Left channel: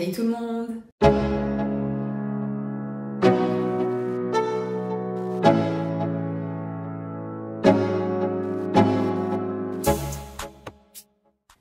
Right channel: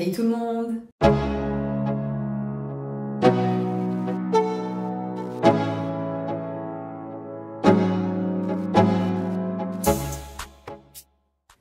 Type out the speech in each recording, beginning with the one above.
Hey tout le monde!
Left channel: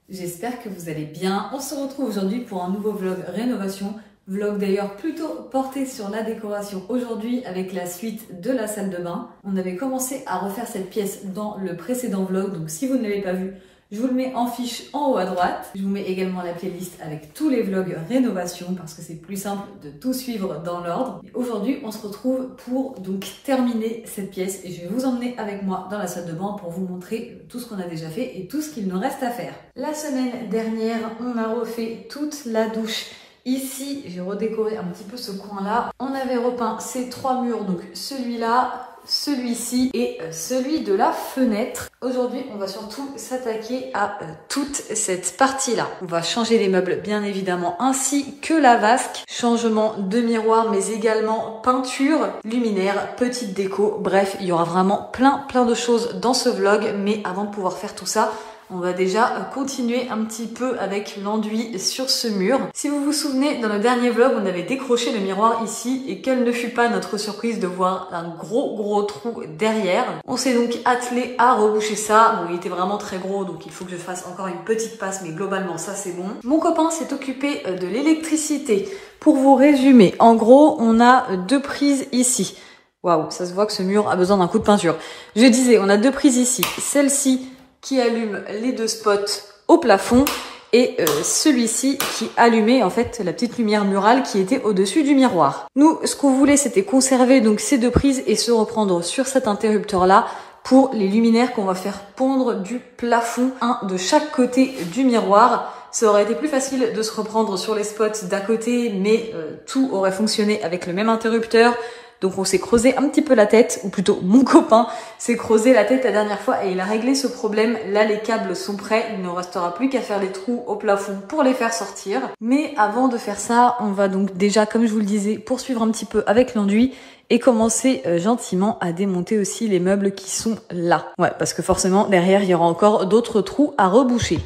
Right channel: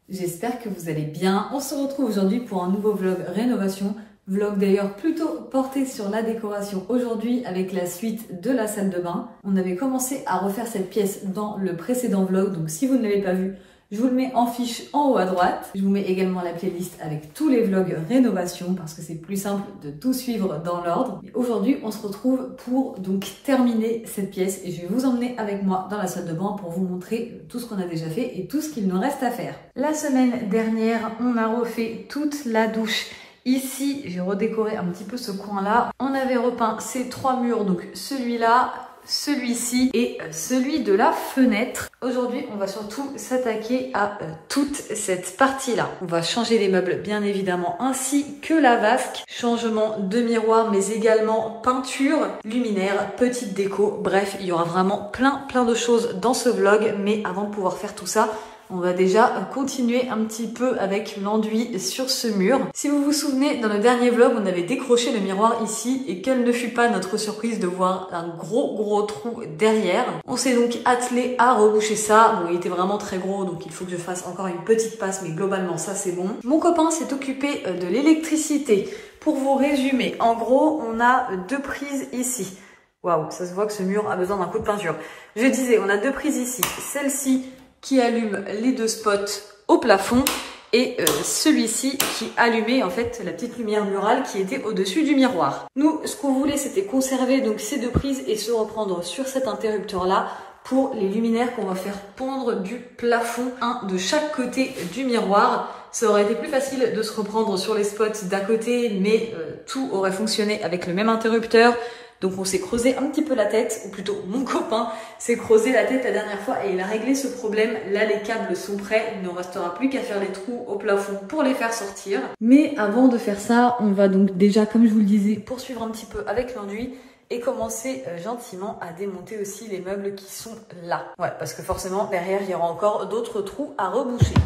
J'espère que vous allez bien. On se retrouve aujourd'hui pour un nouveau vlog rénovation. Vlog d'ailleurs plutôt porté sur la décoration aujourd'hui avec la suite de la salle de bain. On avait commencé à refaire cette pièce dans le précédent vlog, donc si vous ne l'avez pas vu, je vous le mets en fiche en haut à droite. Je vous mets également la playlist avec tous les vlogs rénovation parce que c'est plus simple de tout suivre dans l'ordre. Aujourd'hui, on se retrouve pour donc terminer cette pièce et je vais vous emmener avec moi dans la salle de bain pour vous montrer tout ce qu'on a déjà fait et tout ce qu'il nous reste à faire. La semaine dernière, on a refait toute la douche. Ici, j'ai redécoré un petit peu ce coin-là. On avait repeint ces trois murs, donc celui-là, celui-ci et celui de la fenêtre. Aujourd'hui, on va surtout s'attaquer à toute cette partie-là. On va changer les meubles, bien évidemment, ainsi que la vasque. Changement de miroir, mais également peinture, luminaire, petite déco. Bref, il y aura vraiment plein de choses dans ce vlog. Mais avant de pouvoir faire tout ça, on va déjà continuer un petit peu avec l'enduit sur ce mur. Si vous vous souvenez, dans le dernier vlog, on avait décroché le miroir ici et quelle ne fut pas notre surprise de voir un gros trou derrière. On s'est donc attelé à reboucher ça. Bon, il était vraiment très gros, donc il faut que je fasse encore une petite passe, mais globalement, ça c'est bon. Mon copain s'est occupé de l'électricité. Pour vous résumer, en gros, on a deux prises ici. Waouh, ça se voit que ce mur a besoin d'un coup de peinture. Je disais, on a deux prises ici. Celle-ci qui allume les deux spots au plafond et celui-ci qui allumait en fait la petite lumière murale qui était au-dessus du miroir. Nous, ce qu'on voulait, c'était conserver donc ces deux prises et se reprendre sur cet interrupteur-là pour les luminaires qu'on va faire pondre du plafond, un de chaque côté du miroir. Ça aurait été plus facile de se reprendre sur les spots d'à côté, mais tout aurait fonctionné avec le même interrupteur. Donc on s'est creusé un petit peu la tête, ou plutôt mon copain s'est creusé la tête la dernière fois et il a réglé ce problème. Là les câbles sont prêts, il ne restera plus qu'à faire les trous au plafond pour les faire sortir. Mais avant de faire ça, on va donc déjà, comme je vous le disais, poursuivre un petit peu avec l'enduit et commencer gentiment à démonter aussi les meubles qui sont là. Ouais, parce que forcément derrière il y aura encore d'autres trous à reboucher.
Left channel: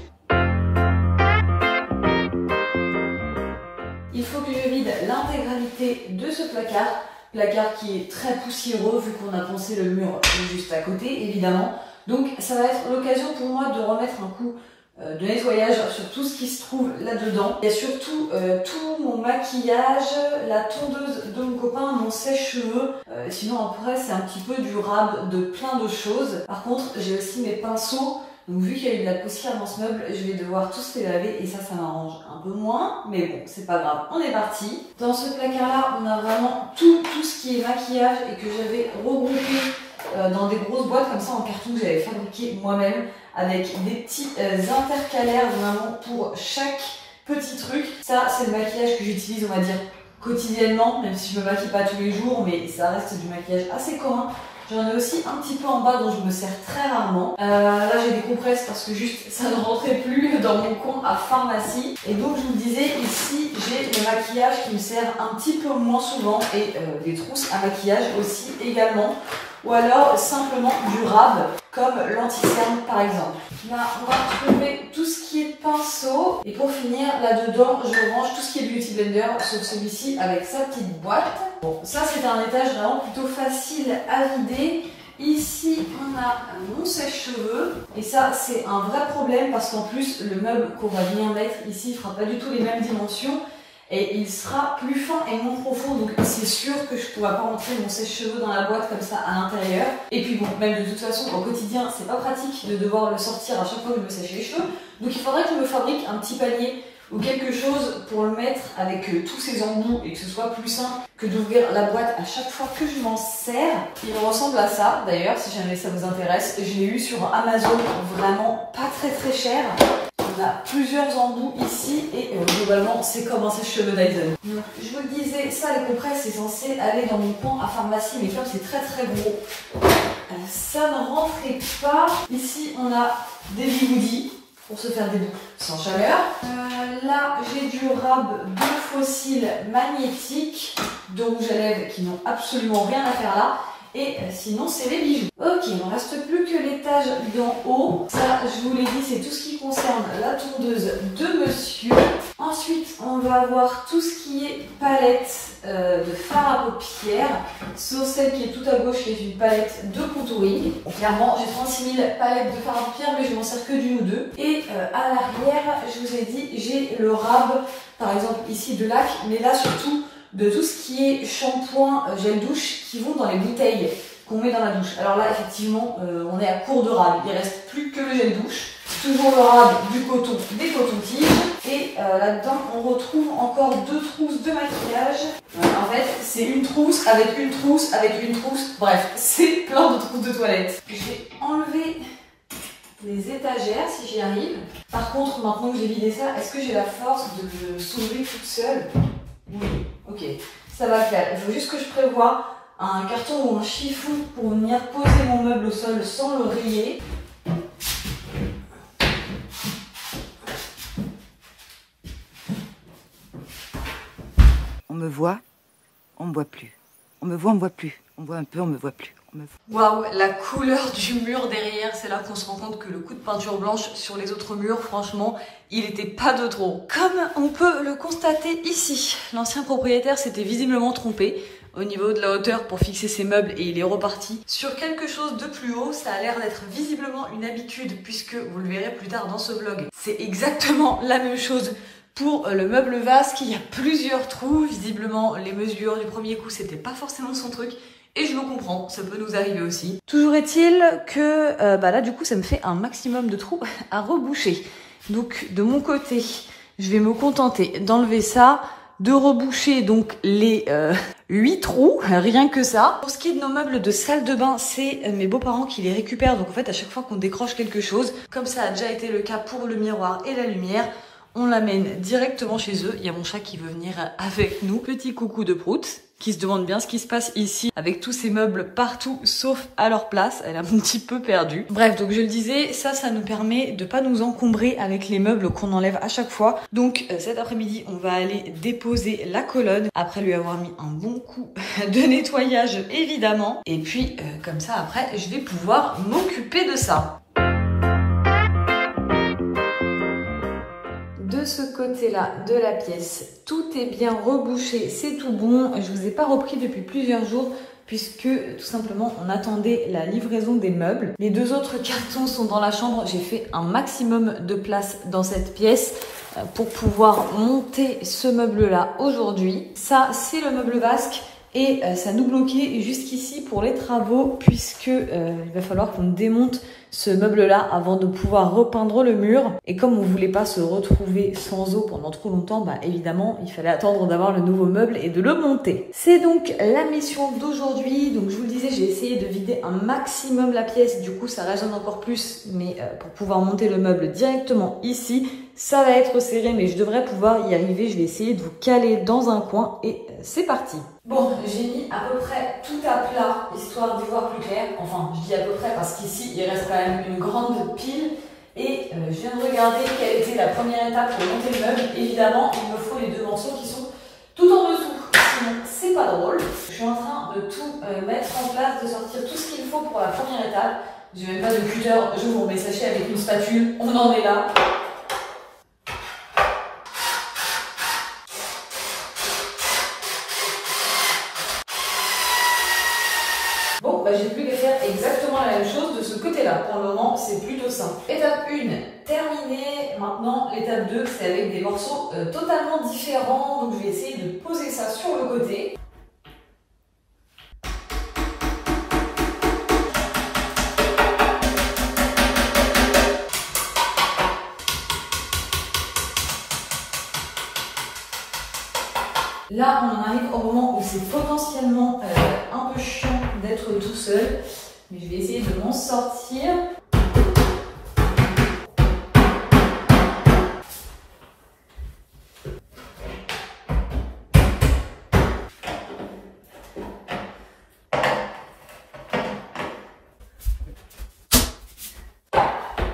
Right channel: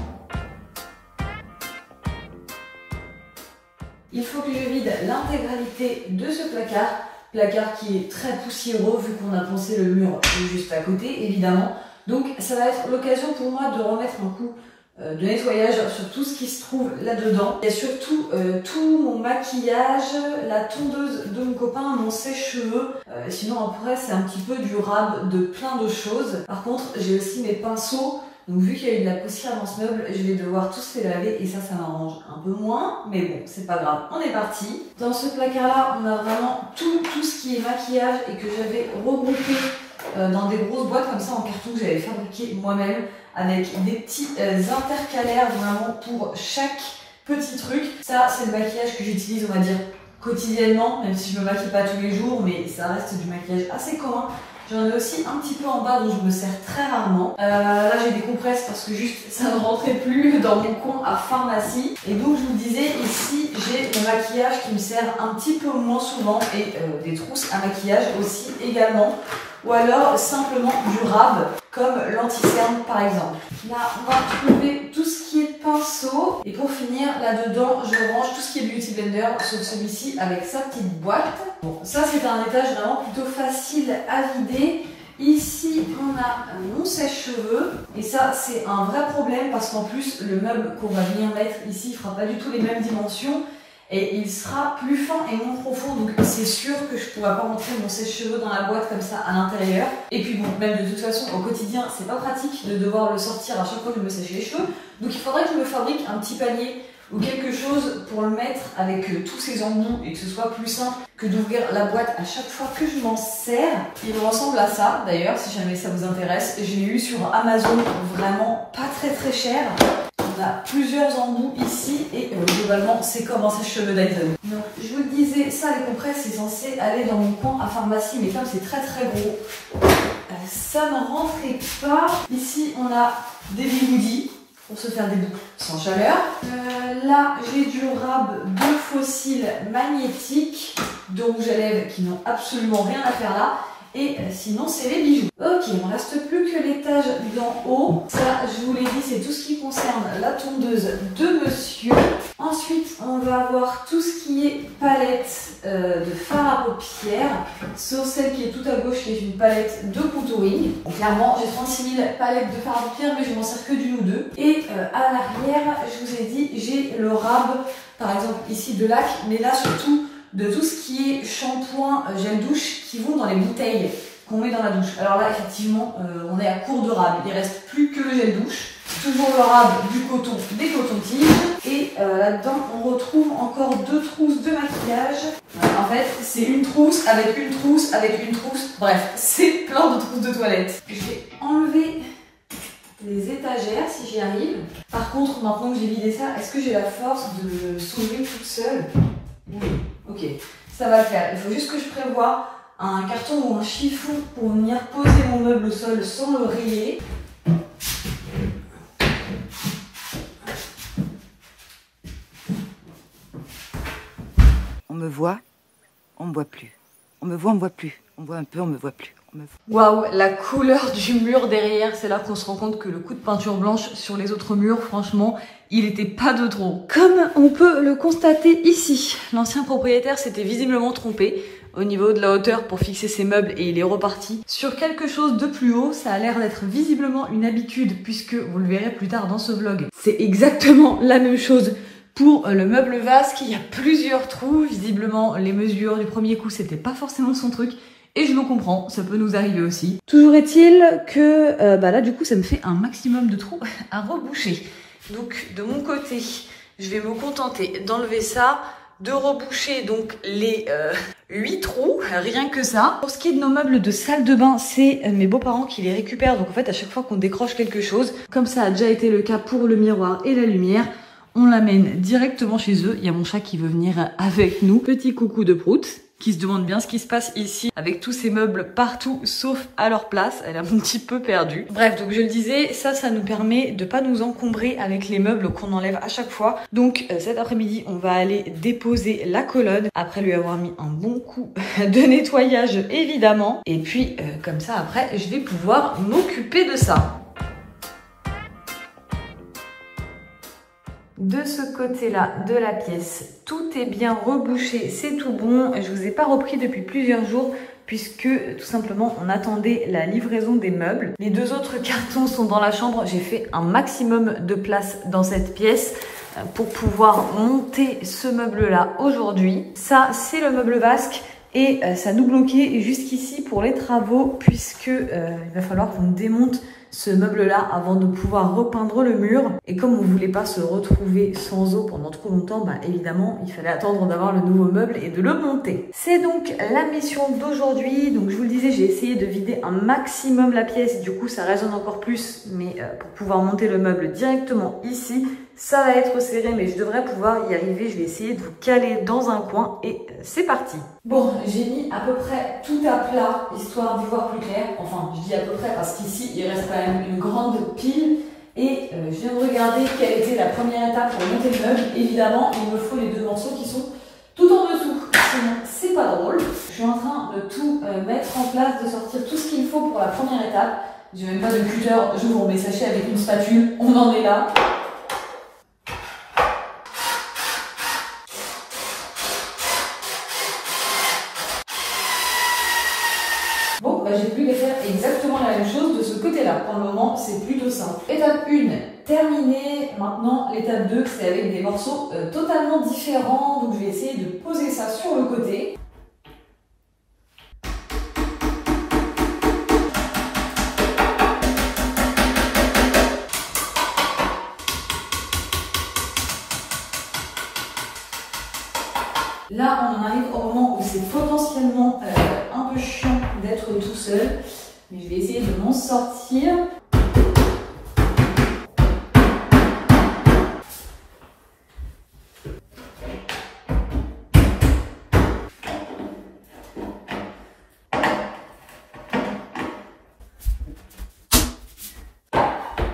Il faut que je vide l'intégralité de ce placard. Placard qui est très poussiéreux vu qu'on a pensé le mur juste à côté évidemment. Donc ça va être l'occasion pour moi de remettre un coup de nettoyage sur tout ce qui se trouve là-dedans. Et surtout tout mon maquillage, la tondeuse de mon copain, mon sèche-cheveux. Sinon après c'est un petit peu du rab de plein de choses. Par contre j'ai aussi mes pinceaux. Donc vu qu'il y a eu de la poussière dans ce meuble, je vais devoir tous les laver et ça m'arrange un peu moins. Mais bon, c'est pas grave, on est parti. Dans ce placard-là, on a vraiment tout ce qui est maquillage et que j'avais regroupé dans des grosses boîtes comme ça en carton que j'avais fabriqué moi-même avec des petits intercalaires vraiment pour chaque petit truc. Ça, c'est le maquillage que j'utilise, on va dire, quotidiennement, même si je me maquille pas tous les jours, mais ça reste du maquillage assez commun. J'en ai aussi un petit peu en bas dont je me sers très rarement. Là j'ai des compresses parce que juste ça ne rentrait plus dans mon coin à pharmacie. Et donc je vous disais ici j'ai le maquillage qui me sert un petit peu moins souvent et des trousses à maquillage aussi également. Ou alors simplement du rab comme l'anti-cerne par exemple. Là on va trouver tout ce qui est pinceau. Et pour finir là-dedans je range tout ce qui est beauty blender sauf celui-ci avec sa petite boîte. Bon, ça c'est un étage vraiment plutôt facile à vider. Ici on a mon sèche-cheveux et ça c'est un vrai problème parce qu'en plus le meuble qu'on va venir mettre ici ne fera pas du tout les mêmes dimensions. Et il sera plus fin et moins profond, donc c'est sûr que je ne pourrai pas rentrer mon sèche-cheveux dans la boîte comme ça à l'intérieur. Et puis bon, même de toute façon, au quotidien, c'est pas pratique de devoir le sortir à chaque fois que je me sèche les cheveux. Donc il faudrait que je me fabrique un petit panier ou quelque chose pour le mettre avec tous ces embouts et que ce soit plus simple que d'ouvrir la boîte à chaque fois que je m'en sers. Il ressemble à ça, d'ailleurs, si jamais ça vous intéresse. Je l'ai eu sur Amazon, vraiment pas très cher. On a plusieurs embouts ici et globalement c'est comme un sèche-cheveux Dyson. Donc je vous le disais, ça les compresses c'est censé aller dans mon coin à pharmacie mais comme c'est très gros, ça ne rentrait pas. Ici on a des bigoudis pour se faire des boucles sans chaleur. Là j'ai du rab de fossiles magnétiques de rouge à lèvres qui n'ont absolument rien à faire là. Et sinon, c'est les bijoux. Ok, il ne reste plus que l'étage d'en haut. Ça, je vous l'ai dit, c'est tout ce qui concerne la tondeuse de monsieur. Ensuite, on va avoir tout ce qui est palette de fard à paupières. Sauf celle qui est tout à gauche, qui est une palette de contouring. Donc, clairement, j'ai 36 000 palettes de fard à paupières, mais je m'en sers que d'une ou deux. Et à l'arrière, je vous ai dit, j'ai le rab, par exemple ici de lac, mais là surtout de tout ce qui est shampoing, gel douche qui vont dans les bouteilles qu'on met dans la douche. Alors là, effectivement, on est à court de rab. Il ne reste plus que le gel douche. Toujours le rab, du coton, des cotons-tiges. Et là-dedans, on retrouve encore 2 trousses de maquillage. Ouais, en fait, c'est une trousse avec une trousse avec une trousse. Bref, c'est plein de trousses de toilette. Je vais enlever les étagères si j'y arrive. Par contre, maintenant que j'ai vidé ça, est-ce que j'ai la force de le soulever toute seule? Oui, ok, ça va le faire. Il faut juste que je prévoie un carton ou un chiffon pour venir poser mon meuble au sol sans le rayer. On me voit, on me voit plus. On me voit, on me voit plus. On me voit un peu, on me voit plus. Waouh, la couleur du mur derrière, c'est là qu'on se rend compte que le coup de peinture blanche sur les autres murs, franchement, il était pas de trop. Comme on peut le constater ici, l'ancien propriétaire s'était visiblement trompé au niveau de la hauteur pour fixer ses meubles et il est reparti sur quelque chose de plus haut. Ça a l'air d'être visiblement une habitude puisque vous le verrez plus tard dans ce vlog. C'est exactement la même chose pour le meuble vasque. Il y a plusieurs trous. Visiblement, les mesures du premier coup, c'était pas forcément son truc. Et je le comprends, ça peut nous arriver aussi. Toujours est-il que là du coup ça me fait un maximum de trous à reboucher. Donc de mon côté, je vais me contenter d'enlever ça, de reboucher donc les 8 trous, rien que ça. Pour ce qui est de nos meubles de salle de bain, c'est mes beaux-parents qui les récupèrent. Donc en fait à chaque fois qu'on décroche quelque chose, comme ça a déjà été le cas pour le miroir et la lumière, on l'amène directement chez eux. Il y a mon chat qui veut venir avec nous. Petit coucou de Prout, qui se demande bien ce qui se passe ici avec tous ces meubles partout sauf à leur place. Elle est un petit peu perdue. Bref, donc je le disais, ça nous permet de pas nous encombrer avec les meubles qu'on enlève à chaque fois. Donc cet après-midi, on va aller déposer la colonne après lui avoir mis un bon coup de nettoyage évidemment. Et puis comme ça après, je vais pouvoir m'occuper de ça. De ce côté-là de la pièce, tout est bien rebouché, c'est tout bon. Je vous ai pas repris depuis plusieurs jours puisque tout simplement on attendait la livraison des meubles. Les 2 autres cartons sont dans la chambre. J'ai fait un maximum de place dans cette pièce pour pouvoir monter ce meuble-là aujourd'hui. Ça, c'est le meuble vasque. Et ça nous bloquait jusqu'ici pour les travaux puisque il va falloir qu'on démonte ce meuble-là avant de pouvoir repeindre le mur. Et comme on ne voulait pas se retrouver sans eau pendant trop longtemps, évidemment, il fallait attendre d'avoir le nouveau meuble et de le monter. C'est donc la mission d'aujourd'hui. Donc je vous le disais, j'ai essayé de vider un maximum la pièce. Du coup, ça résonne encore plus. Mais pour pouvoir monter le meuble directement ici, ça va être serré, mais je devrais pouvoir y arriver. Je vais essayer de vous caler dans un coin et c'est parti. Bon, j'ai mis à peu près tout à plat, histoire d'y voir plus clair. Enfin, je dis à peu près parce qu'ici, il reste quand même une grande pile. Et je viens de regarder quelle était la première étape pour monter le meuble. Évidemment, il me faut les 2 morceaux qui sont tout en dessous. Sinon, c'est pas drôle. Je suis en train de tout mettre en place, de sortir tout ce qu'il faut pour la première étape. J'ai même pas de cutter, j'ouvre mes sachets avec une spatule, on en est là. J'ai plus qu'à faire exactement la même chose de ce côté-là. Pour le moment, c'est plutôt simple. Étape 1, terminée. Maintenant, l'étape 2, c'est avec des morceaux totalement différents. Donc, je vais essayer de poser ça sur le côté. Là, on en arrive au moment où c'est potentiellement un peu chiant d'être tout seul. Mais je vais essayer de m'en sortir.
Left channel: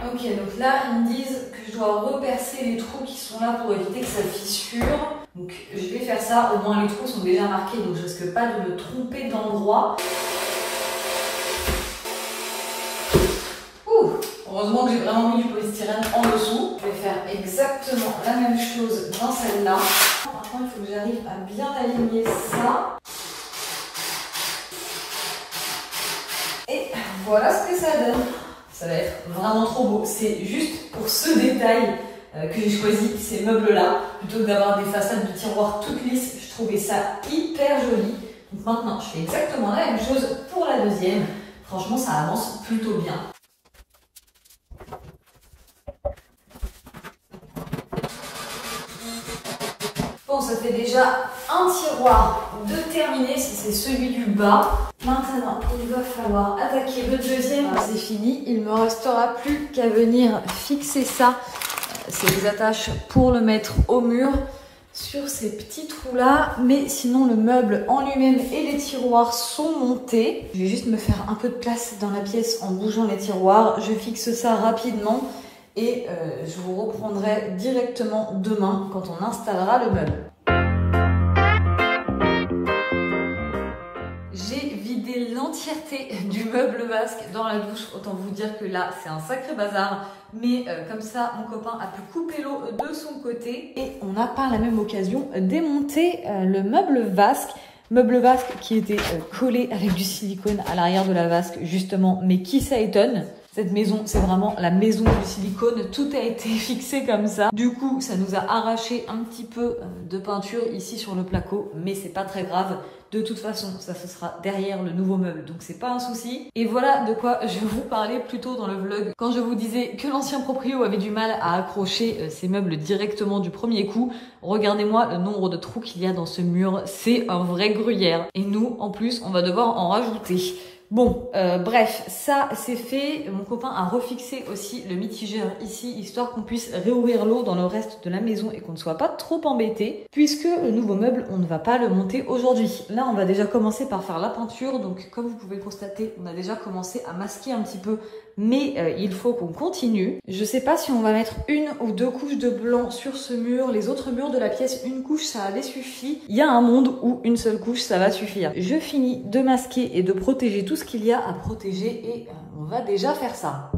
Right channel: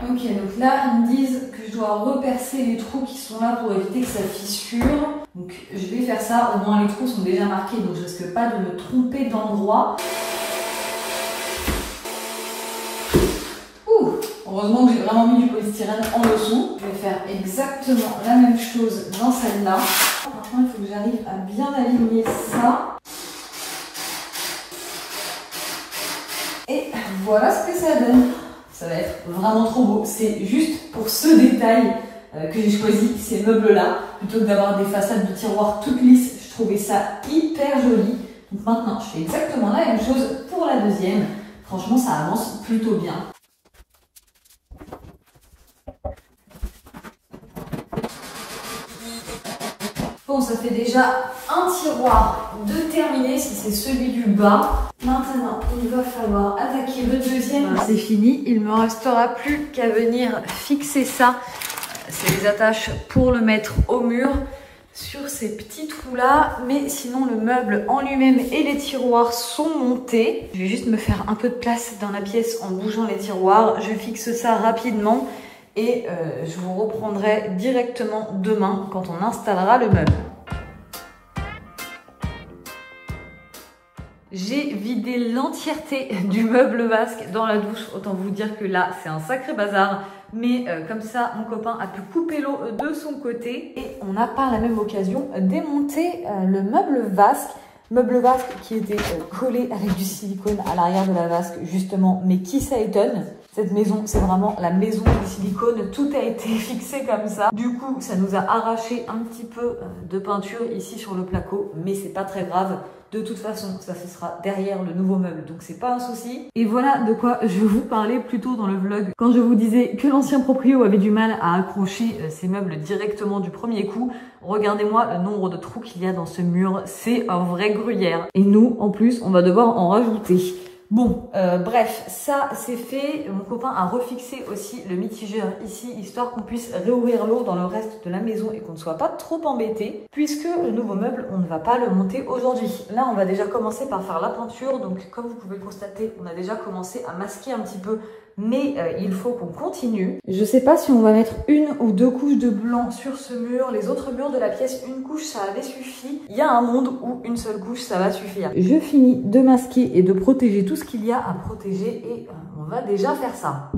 Ok, donc là, ils me disent que je dois repercer les trous qui sont là pour éviter que ça fissure. Donc je vais faire ça, au moins les trous sont déjà marqués, donc je risque pas de me tromper d'endroit. Heureusement que j'ai vraiment mis du polystyrène en dessous. Je vais faire exactement la même chose dans celle-là. Maintenant, il faut que j'arrive à bien aligner ça. Et voilà ce que ça donne. Ça va être vraiment trop beau. C'est juste pour ce détail que j'ai choisi ces meubles-là. Plutôt que d'avoir des façades de tiroirs toutes lisses, je trouvais ça hyper joli. Donc maintenant, je fais exactement la même chose pour la deuxième. Franchement, ça avance plutôt bien. Bon, ça fait déjà un tiroir de terminé, c'est celui du bas. Maintenant, il va falloir attaquer le deuxième. C'est fini, il ne me restera plus qu'à venir fixer ça. C'est les attaches pour le mettre au mur sur ces petits trous-là. Mais sinon, le meuble en lui-même et les tiroirs sont montés. Je vais juste me faire un peu de place dans la pièce en bougeant les tiroirs. Je fixe ça rapidement. Et je vous reprendrai directement demain quand on installera le meuble. J'ai vidé l'entièreté du meuble vasque dans la douche. Autant vous dire que là, c'est un sacré bazar. Mais comme ça, mon copain a pu couper l'eau de son côté. Et on a par la même occasion démonté le meuble vasque. Meuble vasque qui était collé avec du silicone à l'arrière de la vasque justement. Mais qui ça étonne? Cette maison, c'est vraiment la maison du silicone. Tout a été fixé comme ça. Du coup, ça nous a arraché un petit peu de peinture ici sur le placo. Mais c'est pas très grave. De toute façon, ça ce sera derrière le nouveau meuble. Donc c'est pas un souci. Et voilà de quoi je vous parlais plus tôt dans le vlog. Quand je vous disais que l'ancien proprio avait du mal à accrocher ses meubles directement du premier coup. Regardez-moi le nombre de trous qu'il y a dans ce mur. C'est un vrai gruyère. Et nous, en plus, on va devoir en rajouter. Bon, bref, ça c'est fait. Mon copain a refixé aussi le mitigeur ici, histoire qu'on puisse réouvrir l'eau dans le reste de la maison et qu'on ne soit pas trop embêté, puisque le nouveau meuble, on ne va pas le monter aujourd'hui. Là, on va déjà commencer par faire la peinture. Donc, comme vous pouvez le constater, on a déjà commencé à masquer un petit peu, mais il faut qu'on continue. Je sais pas si on va mettre une ou deux couches de blanc sur ce mur. Les autres murs de la pièce, une couche, ça avait suffi. Il y a un monde où une seule couche, ça va suffire. Je finis de masquer et de protéger tout ce qu'il y a à protéger et on va déjà faire ça.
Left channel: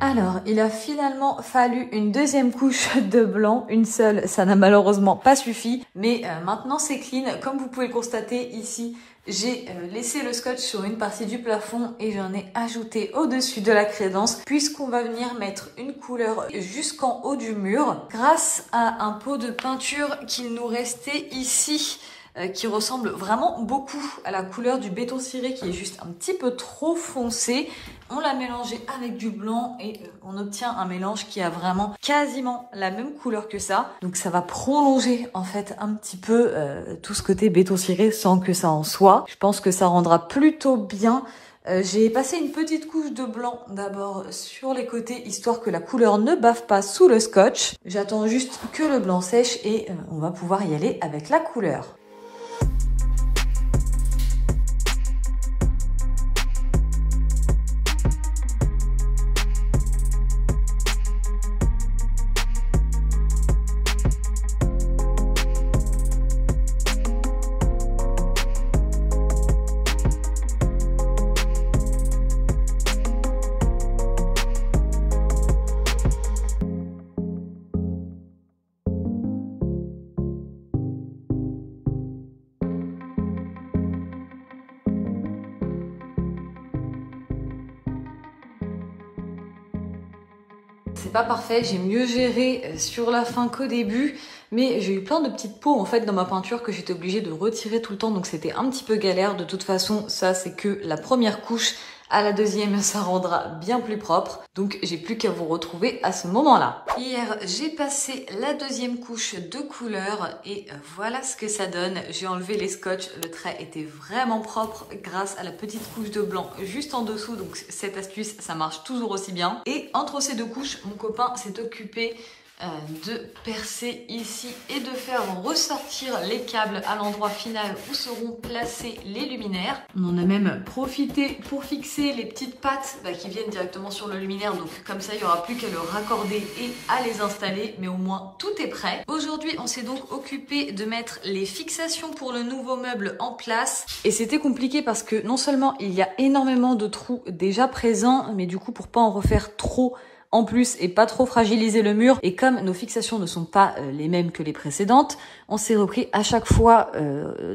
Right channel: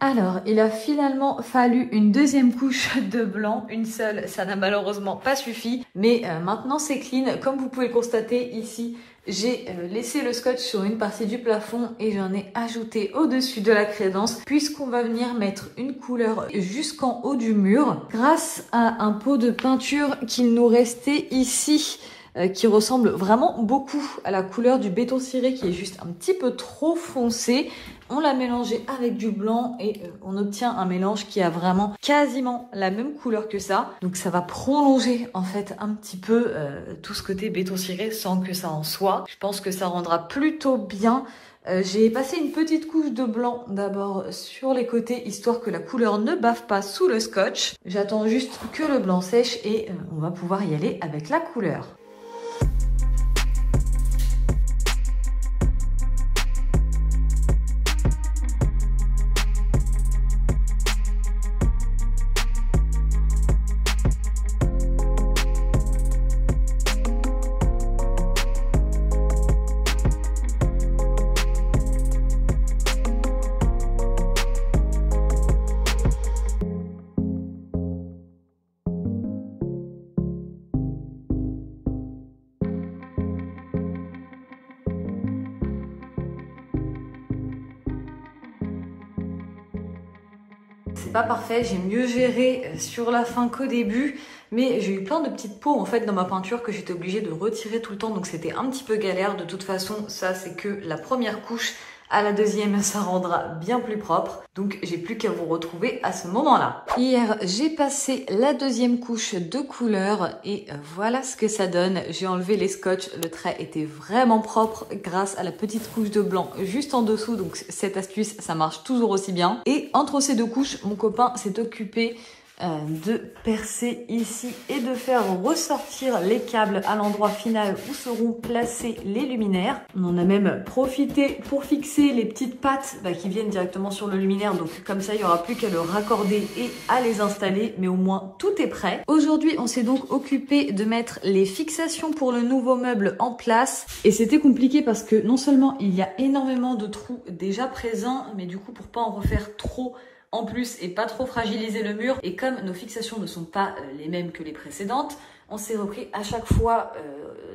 Alors, il a finalement fallu une deuxième couche de blanc, une seule, ça n'a malheureusement pas suffi, mais maintenant c'est clean. Comme vous pouvez le constater ici, j'ai laissé le scotch sur une partie du plafond et j'en ai ajouté au-dessus de la crédence, puisqu'on va venir mettre une couleur jusqu'en haut du mur, grâce à un pot de peinture qu'il nous restait ici, qui ressemble vraiment beaucoup à la couleur du béton ciré, qui est juste un petit peu trop foncé. On l'a mélangé avec du blanc et on obtient un mélange qui a vraiment quasiment la même couleur que ça. Donc ça va prolonger en fait un petit peu tout ce côté béton ciré sans que ça en soit. Je pense que ça rendra plutôt bien. J'ai passé une petite couche de blanc d'abord sur les côtés, histoire que la couleur ne bave pas sous le scotch. J'attends juste que le blanc sèche et on va pouvoir y aller avec la couleur. c'est pas parfait, j'ai mieux géré sur la fin qu'au début. Mais j'ai eu plein de petites peaux en fait dans ma peinture que j'étais obligée de retirer tout le temps, donc c'était un petit peu galère. De toute façon, ça c'est que la première couche. À la deuxième, ça rendra bien plus propre. Donc, j'ai plus qu'à vous retrouver à ce moment-là. Hier, j'ai passé la deuxième couche de couleur et voilà ce que ça donne. J'ai enlevé les scotch. Le trait était vraiment propre grâce à la petite couche de blanc juste en dessous. Donc, cette astuce, ça marche toujours aussi bien. Et entre ces deux couches, mon copain s'est occupé de percer ici et de faire ressortir les câbles à l'endroit final où seront placés les luminaires. On en a même profité pour fixer les petites pattes qui viennent directement sur le luminaire, donc comme ça il n'y aura plus qu'à le raccorder et à les installer, mais au moins tout est prêt. Aujourd'hui on s'est donc occupé de mettre les fixations pour le nouveau meuble en place et c'était compliqué parce que non seulement il y a énormément de trous déjà présents, mais du coup pour pas en refaire trop en plus et pas trop fragiliser le mur, et comme nos fixations ne sont pas les mêmes que les précédentes, on s'est repris à chaque fois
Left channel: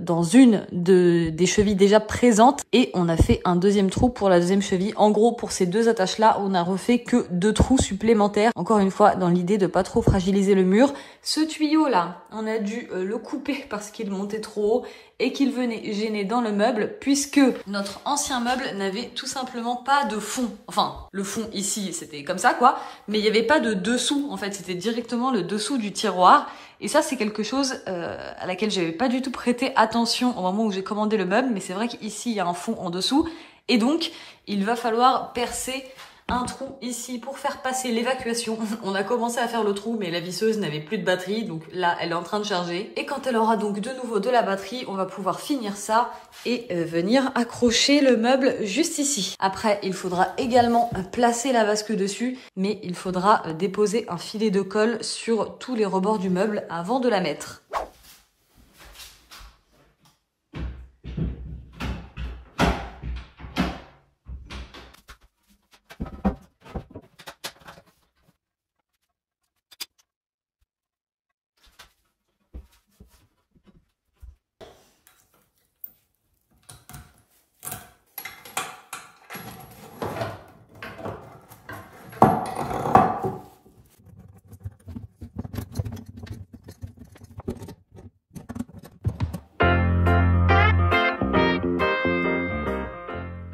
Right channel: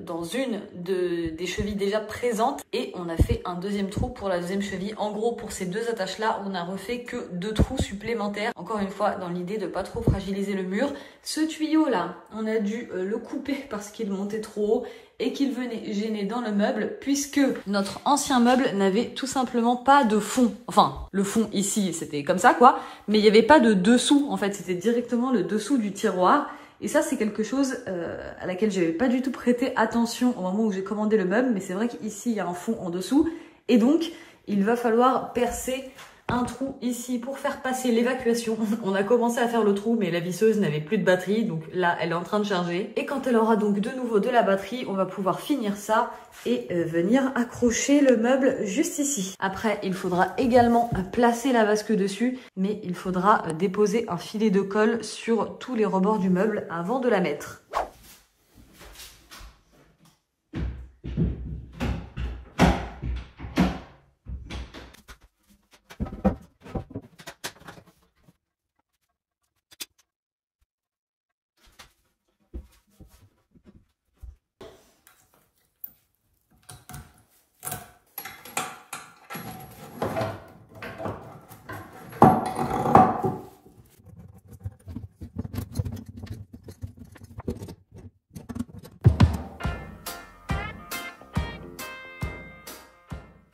dans une des chevilles déjà présentes et on a fait un deuxième trou pour la deuxième cheville. En gros, pour ces deux attaches là, on a refait que 2 trous supplémentaires, encore une fois dans l'idée de pas trop fragiliser le mur. Ce tuyau là, on a dû le couper parce qu'il montait trop haut et qu'il venait gêner dans le meuble, puisque notre ancien meuble n'avait tout simplement pas de fond. Enfin, le fond ici, c'était comme ça quoi, mais il n'y avait pas de dessous en fait, c'était directement le dessous du tiroir. Et ça, c'est quelque chose à laquelle j'avais pas du tout prêté attention au moment où j'ai commandé le meuble, mais c'est vrai qu'ici, il y a un fond en dessous, et donc, il va falloir percer un trou ici pour faire passer l'évacuation. On a commencé à faire le trou, mais la visseuse n'avait plus de batterie, donc là, elle est en train de charger. Et quand elle aura donc de nouveau de la batterie, on va pouvoir finir ça et venir accrocher le meuble juste ici. Après, il faudra également placer la vasque dessus, mais il faudra déposer un filet de colle sur tous les rebords du meuble avant de la mettre.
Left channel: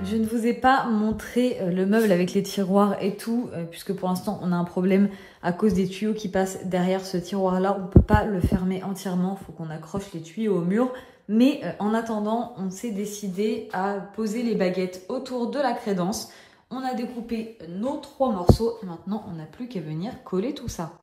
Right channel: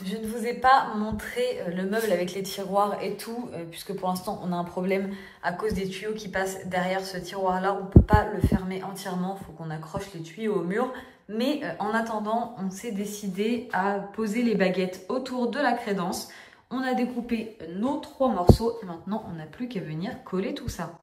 Je ne vous ai pas montré le meuble avec les tiroirs et tout, puisque pour l'instant on a un problème à cause des tuyaux qui passent derrière ce tiroir-là. On ne peut pas le fermer entièrement, il faut qu'on accroche les tuyaux au mur. Mais en attendant, on s'est décidé à poser les baguettes autour de la crédence. On a découpé nos 3 morceaux. Maintenant, on n'a plus qu'à venir coller tout ça.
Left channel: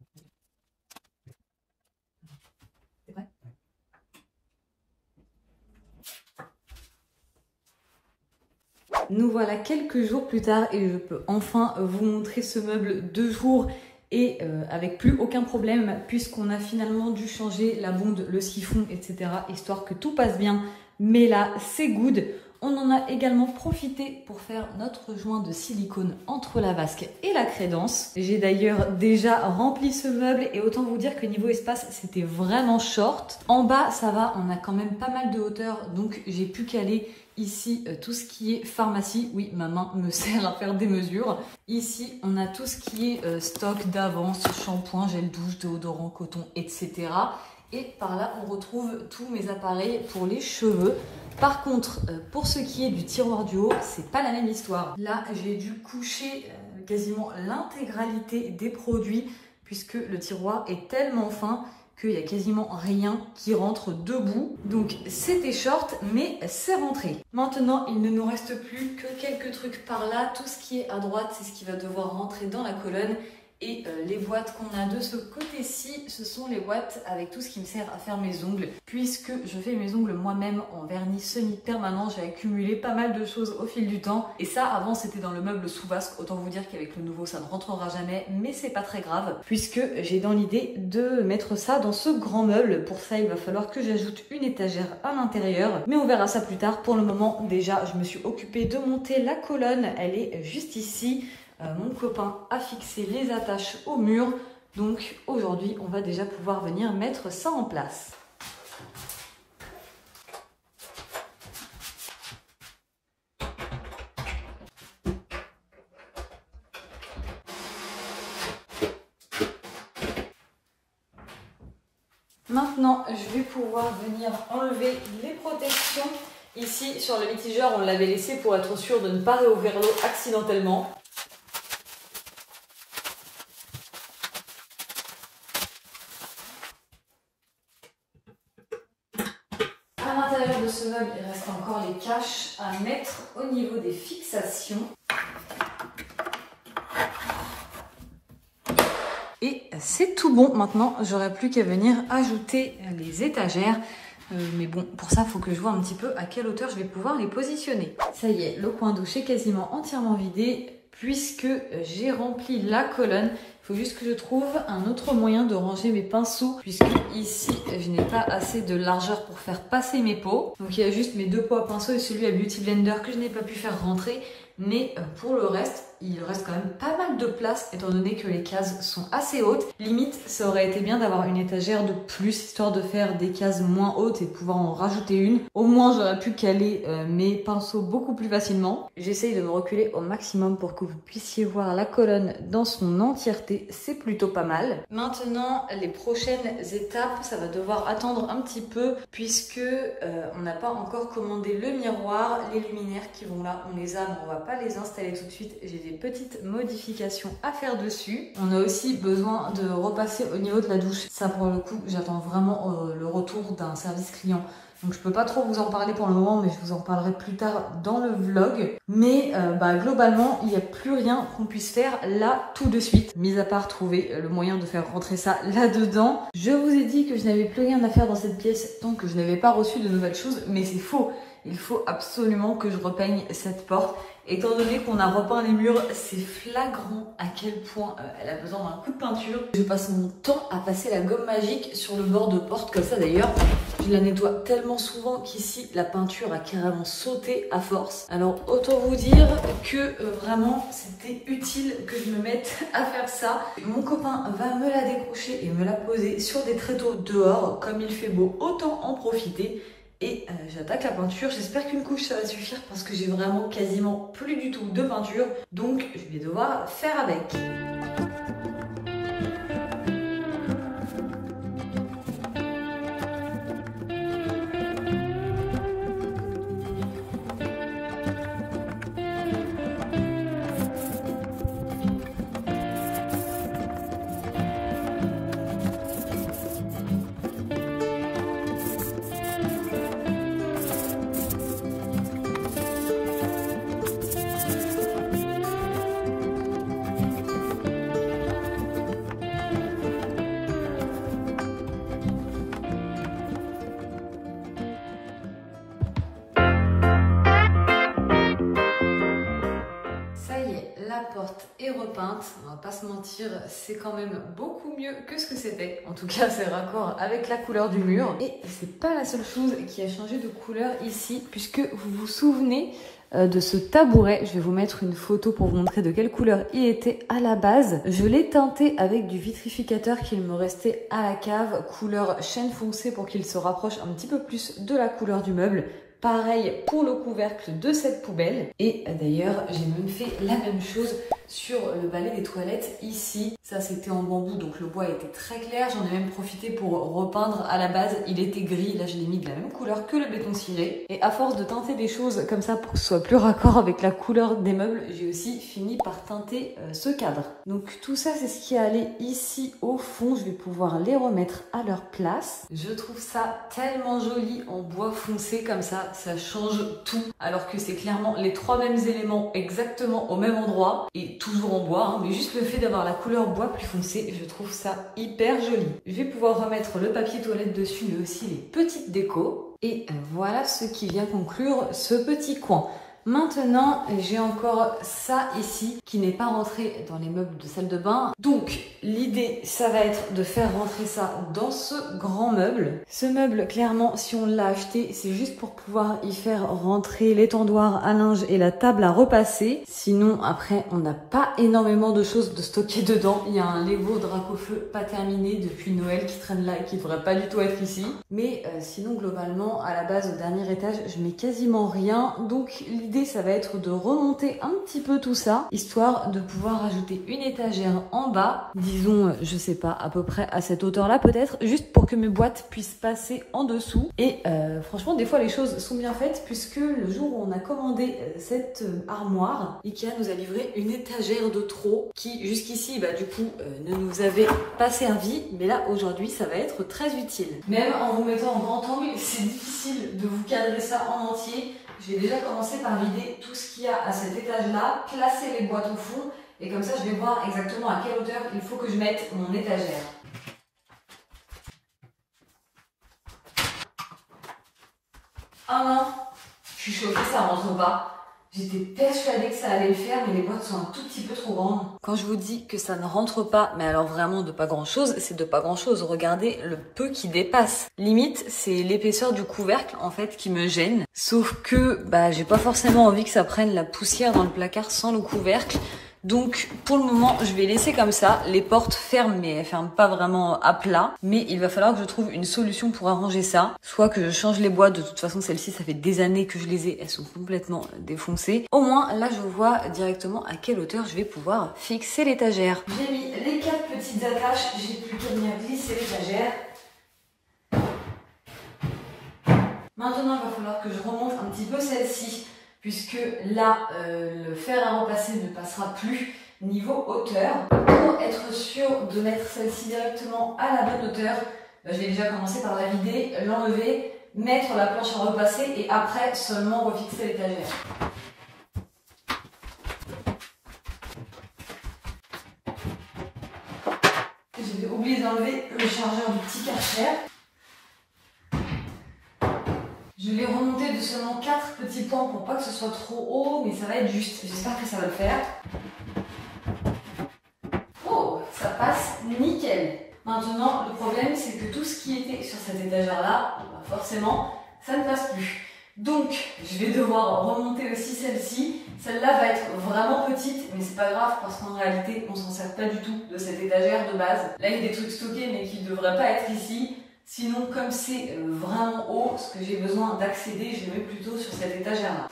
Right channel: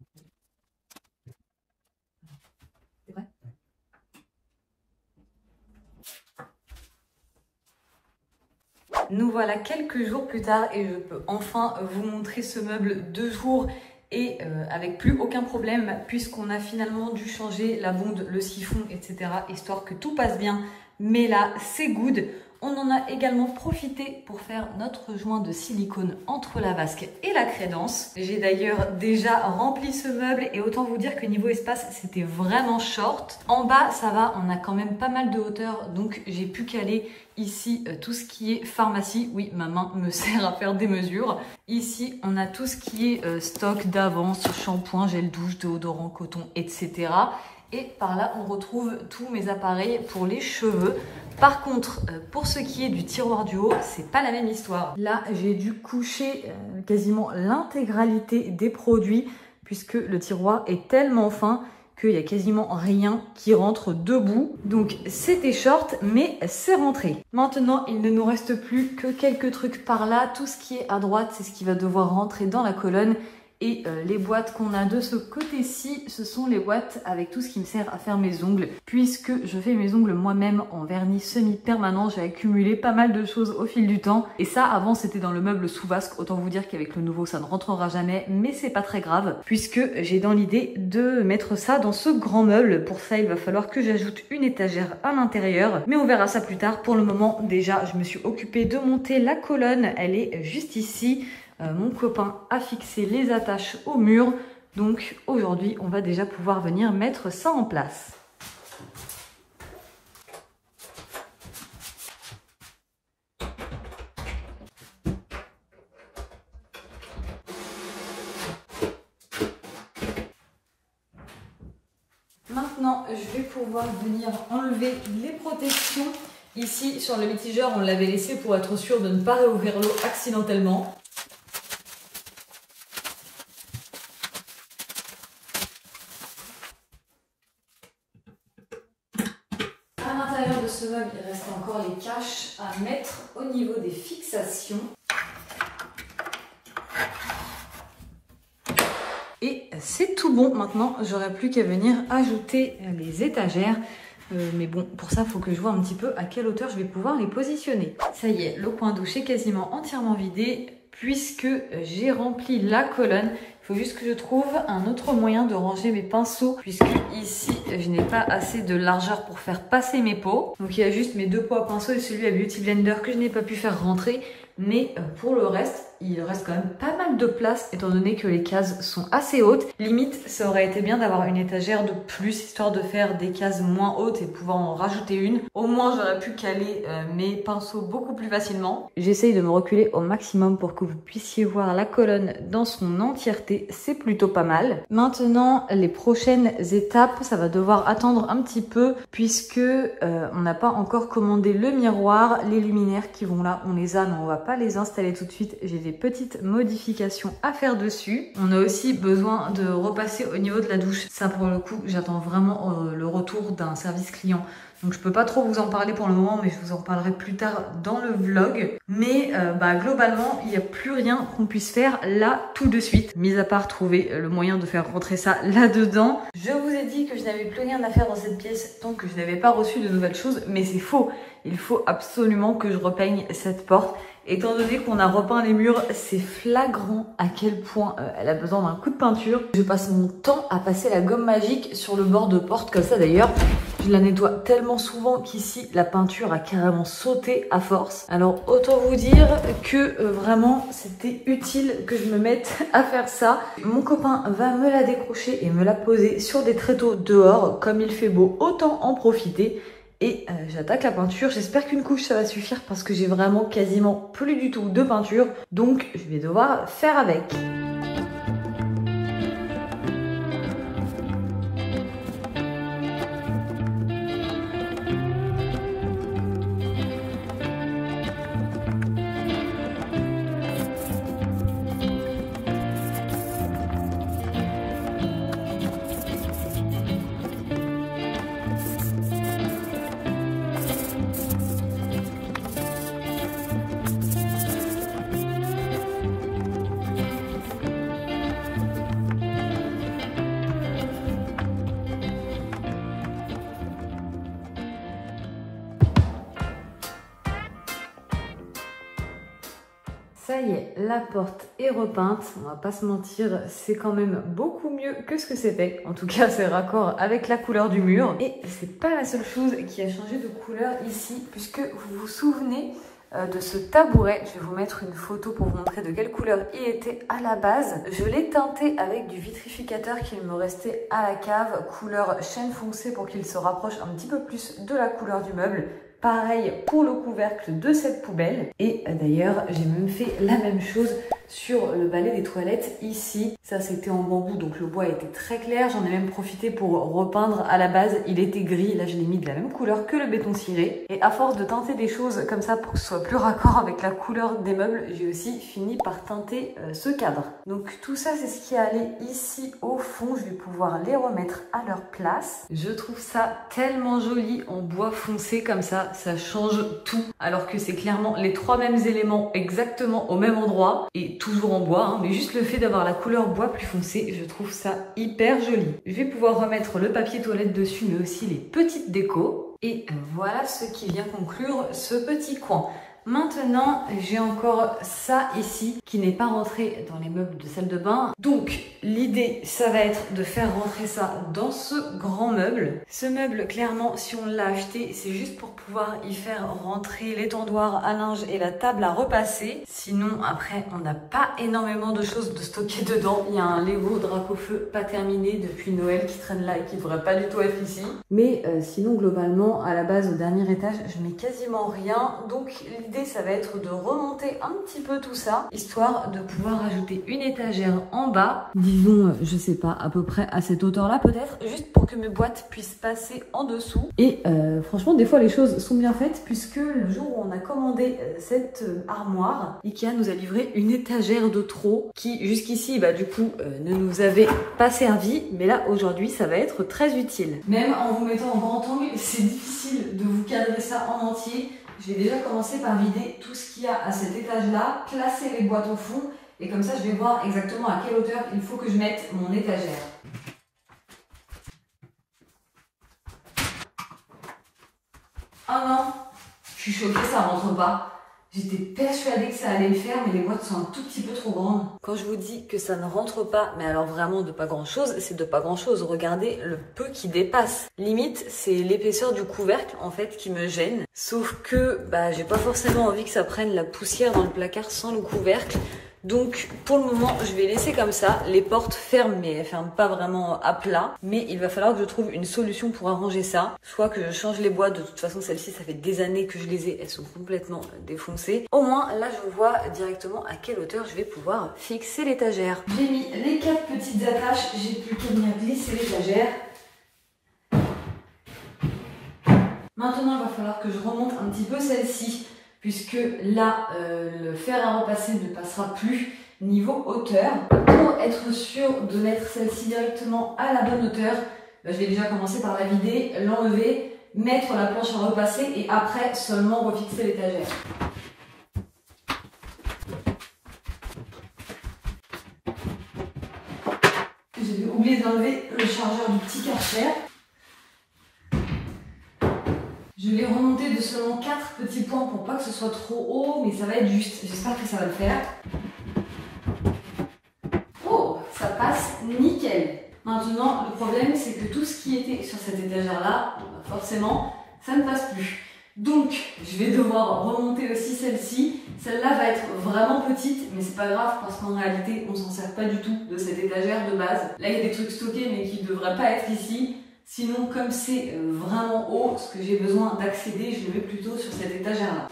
Nous voilà quelques jours plus tard et je peux enfin vous montrer ce meuble 2 jours et avec plus aucun problème, puisqu'on a finalement dû changer la bonde, le siphon, etc. histoire que tout passe bien. Mais là, c'est good. On en a également profité pour faire notre joint de silicone entre la vasque et la crédence. J'ai d'ailleurs déjà rempli ce meuble et autant vous dire que niveau espace, c'était vraiment short. En bas, ça va, on a quand même pas mal de hauteur, donc j'ai pu caler ici tout ce qui est pharmacie. Oui, ma main me sert à faire des mesures. Ici, on a tout ce qui est stock d'avance, shampoing, gel douche, déodorant, coton, etc. Et par là, on retrouve tous mes appareils pour les cheveux. Par contre, pour ce qui est du tiroir du haut, c'est pas la même histoire. Là, j'ai dû coucher quasiment l'intégralité des produits puisque le tiroir est tellement fin qu'il n'y a quasiment rien qui rentre debout. Donc, c'était short, mais c'est rentré. Maintenant, il ne nous reste plus que quelques trucs par là. Tout ce qui est à droite, c'est ce qui va devoir rentrer dans la colonne. Et les boîtes qu'on a de ce côté-ci, ce sont les boîtes avec tout ce qui me sert à faire mes ongles. Puisque je fais mes ongles moi-même en vernis semi-permanent, j'ai accumulé pas mal de choses au fil du temps. Et ça, avant, c'était dans le meuble sous vasque. Autant vous dire qu'avec le nouveau, ça ne rentrera jamais. Mais c'est pas très grave, puisque j'ai dans l'idée de mettre ça dans ce grand meuble. Pour ça, il va falloir que j'ajoute une étagère à l'intérieur. Mais on verra ça plus tard. Pour le moment, déjà, je me suis occupée de monter la colonne. Elle est juste ici. Mon copain a fixé les attaches au mur, donc aujourd'hui on va déjà pouvoir venir mettre ça en place. je vais pouvoir venir enlever les protections. Ici, sur le mitigeur, on l'avait laissé pour être sûr de ne pas réouvrir l'eau accidentellement. À l'intérieur de ce meuble, il reste encore les caches à mettre au niveau des fixations. Et c'est tout bon. Maintenant, j'aurai plus qu'à venir ajouter les étagères. Mais bon, pour ça, il faut que je vois un petit peu à quelle hauteur je vais pouvoir les positionner. Ça y est, le coin douche est quasiment entièrement vidé puisque j'ai rempli la colonne. Il faut juste que je trouve un autre moyen de ranger mes pinceaux puisque ici, je n'ai pas assez de largeur pour faire passer mes pots. Donc il y a juste mes 2 pots à pinceau et celui à Beauty Blender que je n'ai pas pu faire rentrer. Mais pour le reste, il reste quand même pas mal de place étant donné que les cases sont assez hautes. Limite, ça aurait été bien d'avoir une étagère de plus histoire de faire des cases moins hautes et pouvoir en rajouter une. Au moins, j'aurais pu caler mes pinceaux beaucoup plus facilement. J'essaye de me reculer au maximum pour que vous puissiez voir la colonne dans son entièreté. C'est plutôt pas mal. Maintenant, les prochaines étapes, ça va devoir attendre un petit peu puisque on n'a pas encore commandé le miroir. Les luminaires qui vont là, on les a, mais on va pas les installer tout de suite. J'ai des petites modifications à faire dessus. On a aussi besoin de repasser au niveau de la douche. Ça pour le coup, j'attends vraiment le retour d'un service client. Donc je peux pas trop vous en parler pour le moment, mais je vous en parlerai plus tard dans le vlog. Mais globalement, il n'y a plus rien qu'on puisse faire là tout de suite, mis à part trouver le moyen de faire rentrer ça là-dedans. Je vous ai dit que je n'avais plus rien à faire dans cette pièce tant que je n'avais pas reçu de nouvelles choses, mais c'est faux. Il faut absolument que je repeigne cette porte. Étant donné qu'on a repeint les murs, c'est flagrant à quel point elle a besoin d'un coup de peinture. Je passe mon temps à passer la gomme magique sur le bord de porte comme ça d'ailleurs. Je la nettoie tellement souvent qu'ici la peinture a carrément sauté à force. Alors autant vous dire que vraiment c'était utile que je me mette à faire ça. Mon copain va me la décrocher et me la poser sur des tréteaux dehors. Comme il fait beau, autant en profiter. Et j'attaque la peinture. J'espère qu'une couche ça va suffire parce que j'ai vraiment quasiment plus du tout de peinture. Donc je vais devoir faire avec. Ça y est, la porte est repeinte. On va pas se mentir, c'est quand même beaucoup mieux que ce que c'était. En tout cas, c'est raccord avec la couleur du mur. Et c'est pas la seule chose qui a changé de couleur ici, puisque vous vous souvenez de ce tabouret. Je vais vous mettre une photo pour vous montrer de quelle couleur il était à la base. Je l'ai teinté avec du vitrificateur qu'il me restait à la cave, couleur chêne foncé pour qu'il se rapproche un petit peu plus de la couleur du meuble. Pareil pour le couvercle de cette poubelle. Et d'ailleurs, j'ai même fait la même chose sur le balai des toilettes ici. Ça, c'était en bambou, donc le bois était très clair. J'en ai même profité pour repeindre. À la base, il était gris. Là, je l'ai mis de la même couleur que le béton ciré. Et à force de teinter des choses comme ça pour que ce soit plus raccord avec la couleur des meubles, j'ai aussi fini par teinter ce cadre. Donc tout ça, c'est ce qui est allé ici au fond. Je vais pouvoir les remettre à leur place. Je trouve ça tellement joli en bois foncé comme ça. Ça change tout. Alors que c'est clairement les 3 mêmes éléments exactement au même endroit. Et toujours en bois, hein, mais juste le fait d'avoir la couleur bois plus foncé, je trouve ça hyper joli. Je vais pouvoir remettre le papier toilette dessus, mais aussi les petites décos. Et voilà ce qui vient conclure ce petit coin. Maintenant, j'ai encore ça ici qui n'est pas rentré dans les meubles de salle de bain. Donc, l'idée, ça va être de faire rentrer ça dans ce grand meuble. Ce meuble, clairement, si on l'a acheté, c'est juste pour pouvoir y faire rentrer l'étendoir à linge et la table à repasser. Sinon, après, on n'a pas énormément de choses de stocker dedans. Il y a un Lego drac au feu pas terminé depuis Noël qui traîne là et qui devrait pas du tout être ici. Mais sinon, globalement, à la base, au dernier étage, je mets quasiment rien. Donc, l'idée l'idée ça va être de remonter un petit peu tout ça, histoire de pouvoir ajouter une étagère en bas, disons, je sais pas, à peu près à cette hauteur-là peut-être, juste pour que mes boîtes puissent passer en dessous. Et franchement, des fois les choses sont bien faites, puisque le jour où on a commandé cette armoire, Ikea nous a livré une étagère de trop qui jusqu'ici, bah, du coup, ne nous avait pas servi, mais là aujourd'hui ça va être très utile. Même en vous mettant en grand angle, c'est difficile de vous cadrer ça en entier. J'ai déjà commencé par vider tout ce qu'il y a à cet étage-là, placer les boîtes au fond, et comme ça je vais voir exactement à quelle hauteur il faut que je mette mon étagère. Oh non, je suis choquée, ça rentre pas. J'étais persuadée que ça allait le faire, mais les boîtes sont un tout petit peu trop grandes. Quand je vous dis que ça ne rentre pas, mais alors vraiment de pas grand chose, c'est de pas grand chose. Regardez le peu qui dépasse. Limite, c'est l'épaisseur du couvercle en fait qui me gêne. Sauf que bah, j'ai pas forcément envie que ça prenne la poussière dans le placard sans le couvercle. Donc pour le moment, je vais laisser comme ça. Les portes ferment, mais elles ferment pas vraiment à plat. Mais il va falloir que je trouve une solution pour arranger ça. Soit que je change les boîtes. De toute façon, celles-ci, ça fait des années que je les ai. Elles sont complètement défoncées. Au moins, là, je vois directement à quelle hauteur je vais pouvoir fixer l'étagère. J'ai mis les 4 petites attaches. J'ai plus qu'à venir glisser l'étagère. Maintenant, il va falloir que je remonte un petit peu celle-ci, puisque là, le fer à repasser ne passera plus niveau hauteur. Pour être sûr de mettre celle-ci directement à la bonne hauteur, je vais déjà commencer par la vider, l'enlever, mettre la planche à repasser et après seulement refixer l'étagère. J'ai oublié d'enlever le chargeur du petit Karcher. Je vais remonter de seulement 4 petits points pour pas que ce soit trop haut, mais ça va être juste. J'espère que ça va le faire. Oh, ça passe nickel. Maintenant, le problème, c'est que tout ce qui était sur cette étagère-là, forcément, ça ne passe plus. Donc, je vais devoir remonter aussi celle-ci. Celle-là va être vraiment petite, mais c'est pas grave parce qu'en réalité, on s'en sert pas du tout de cette étagère de base. Là, il y a des trucs stockés, mais qui ne devraient pas être ici. Sinon, comme c'est vraiment haut, ce que j'ai besoin d'accéder, je le mets plutôt sur cette étagère-là.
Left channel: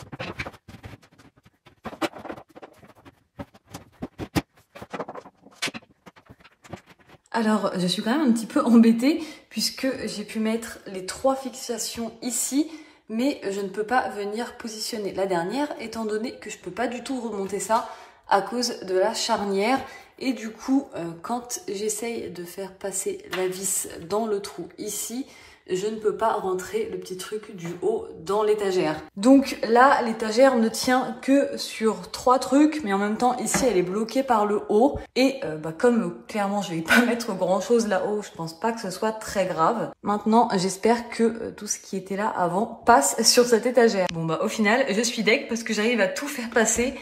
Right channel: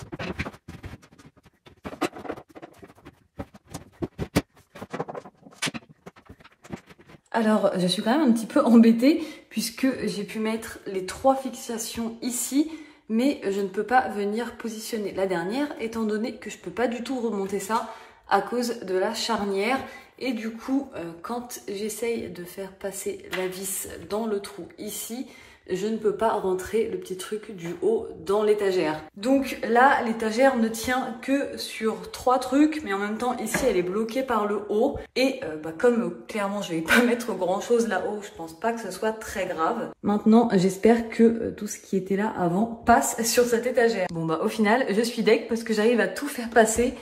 Alors, je suis quand même un petit peu embêtée puisque j'ai pu mettre les 3 fixations ici, mais je ne peux pas venir positionner la dernière étant donné que je ne peux pas du tout remonter ça à cause de la charnière. Et du coup, quand j'essaye de faire passer la vis dans le trou ici, je ne peux pas rentrer le petit truc du haut dans l'étagère. Donc là, l'étagère ne tient que sur 3 trucs, mais en même temps, ici, elle est bloquée par le haut. Et comme clairement, je vais pas mettre grand chose là-haut, je pense pas que ce soit très grave. Maintenant, j'espère que tout ce qui était là avant passe sur cette étagère. Bon au final, je suis deg parce que j'arrive à tout faire passer.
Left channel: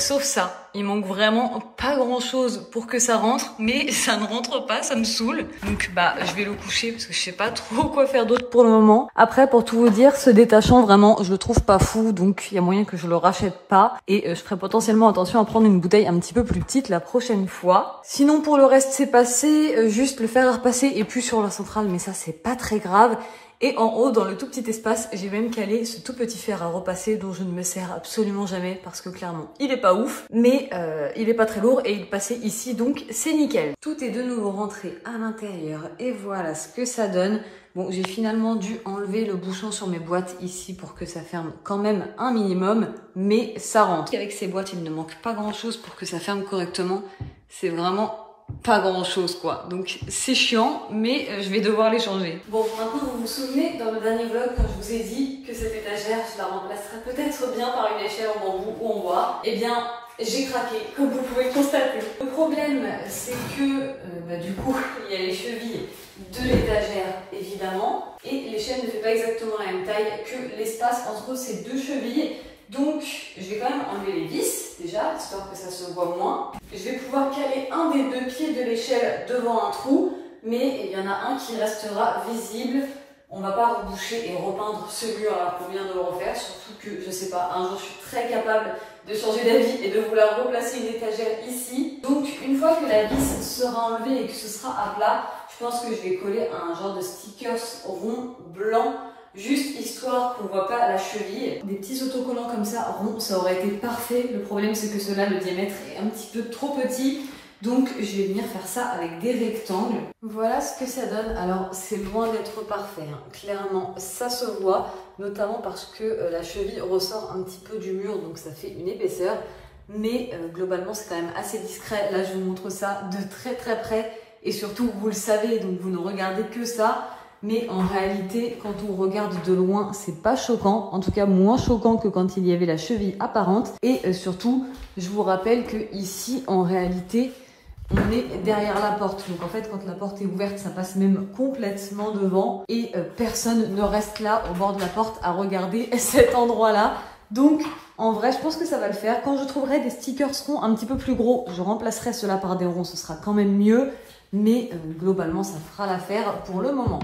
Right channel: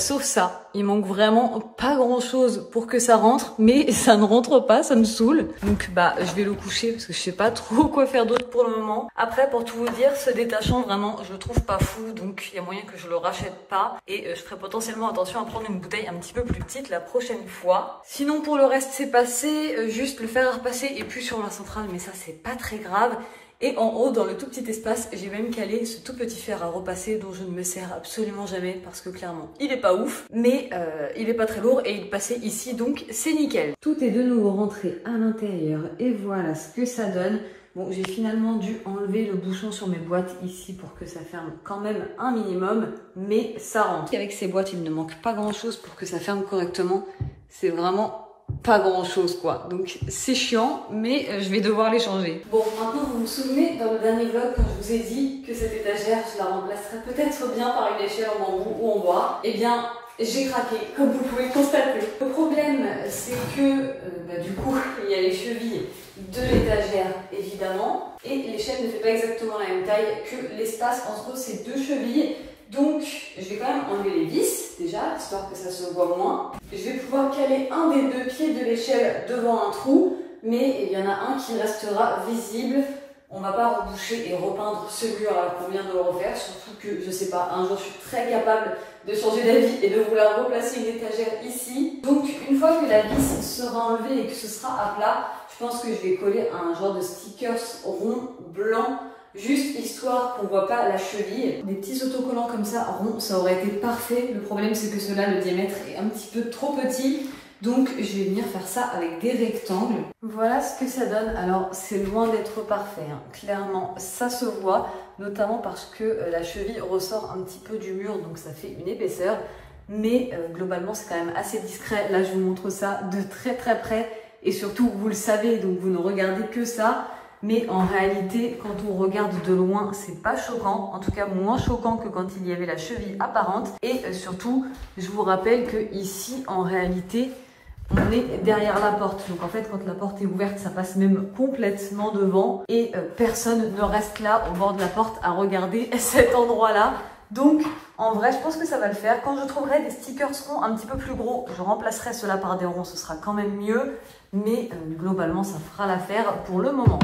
Sauf ça, il manque vraiment pas grand chose pour que ça rentre, mais ça ne rentre pas, ça me saoule. Donc je vais le coucher parce que je sais pas trop quoi faire d'autre pour le moment. Après, pour tout vous dire, ce détachant vraiment, je le trouve pas fou, donc il y a moyen que je le rachète pas. Et je ferai potentiellement attention à prendre une bouteille un petit peu plus petite la prochaine fois. Sinon pour le reste c'est passé, juste le fer à repasser et plus sur la centrale, mais ça c'est pas très grave. Et en haut, dans le tout petit espace, j'ai même calé ce tout petit fer à repasser dont je ne me sers absolument jamais parce que clairement, il est pas ouf, mais il est pas très lourd et il passait ici, donc c'est nickel. Tout est de nouveau rentré à l'intérieur et voilà ce que ça donne. Bon, j'ai finalement dû enlever le bouchon sur mes boîtes ici pour que ça ferme quand même un minimum, mais ça rentre. Avec ces boîtes, il ne manque pas grand chose pour que ça ferme correctement. C'est vraiment pas grand chose quoi, donc c'est chiant, mais je vais devoir les changer. Bon, maintenant vous vous souvenez dans le dernier vlog quand je vous ai dit que cette étagère je la remplacerais peut-être bien par une échelle en bambou ou en bois. Eh bien j'ai craqué, comme vous pouvez constater. Le problème c'est que du coup il y a les chevilles de l'étagère évidemment, et l'échelle ne fait pas exactement la même taille que l'espace entre ces 2 chevilles. Donc, je vais quand même enlever les vis, déjà, histoire que ça se voit moins. Je vais pouvoir caler un des 2 pieds de l'échelle devant un trou, mais il y en a un qui restera visible. On va pas reboucher et repeindre celui-là qu'on vient de le refaire, surtout que, je sais pas, un jour je suis très capable de changer d'avis et de vouloir replacer une étagère ici. Donc, une fois que la vis sera enlevée et que ce sera à plat, je pense que je vais coller un genre de stickers rond blanc juste histoire qu'on voit pas la cheville. Des petits autocollants comme ça, ronds, ça aurait été parfait. Le problème c'est que ceux-là, le diamètre est un petit peu trop petit. Donc je vais venir faire ça avec des rectangles. Voilà ce que ça donne. Alors c'est loin d'être parfait, hein. Clairement ça se voit, notamment parce que la cheville ressort un petit peu du mur, donc ça fait une épaisseur. Mais globalement c'est quand même assez discret. Là je vous montre ça de très très près. Et surtout vous le savez, donc vous ne regardez que ça. Mais en réalité, quand on regarde de loin, c'est pas choquant. En tout cas, moins choquant que quand il y avait la cheville apparente. Et surtout, je vous rappelle que ici, en réalité, on est derrière la porte. Donc en fait, quand la porte est ouverte, ça passe même complètement devant. Et personne ne reste là, au bord de la porte, à regarder cet endroit-là. Donc, en vrai, je pense que ça va le faire. Quand je trouverai des stickers ronds un petit peu plus gros, je remplacerai cela par des ronds. Ce sera quand même mieux. Mais globalement, ça fera l'affaire pour le moment.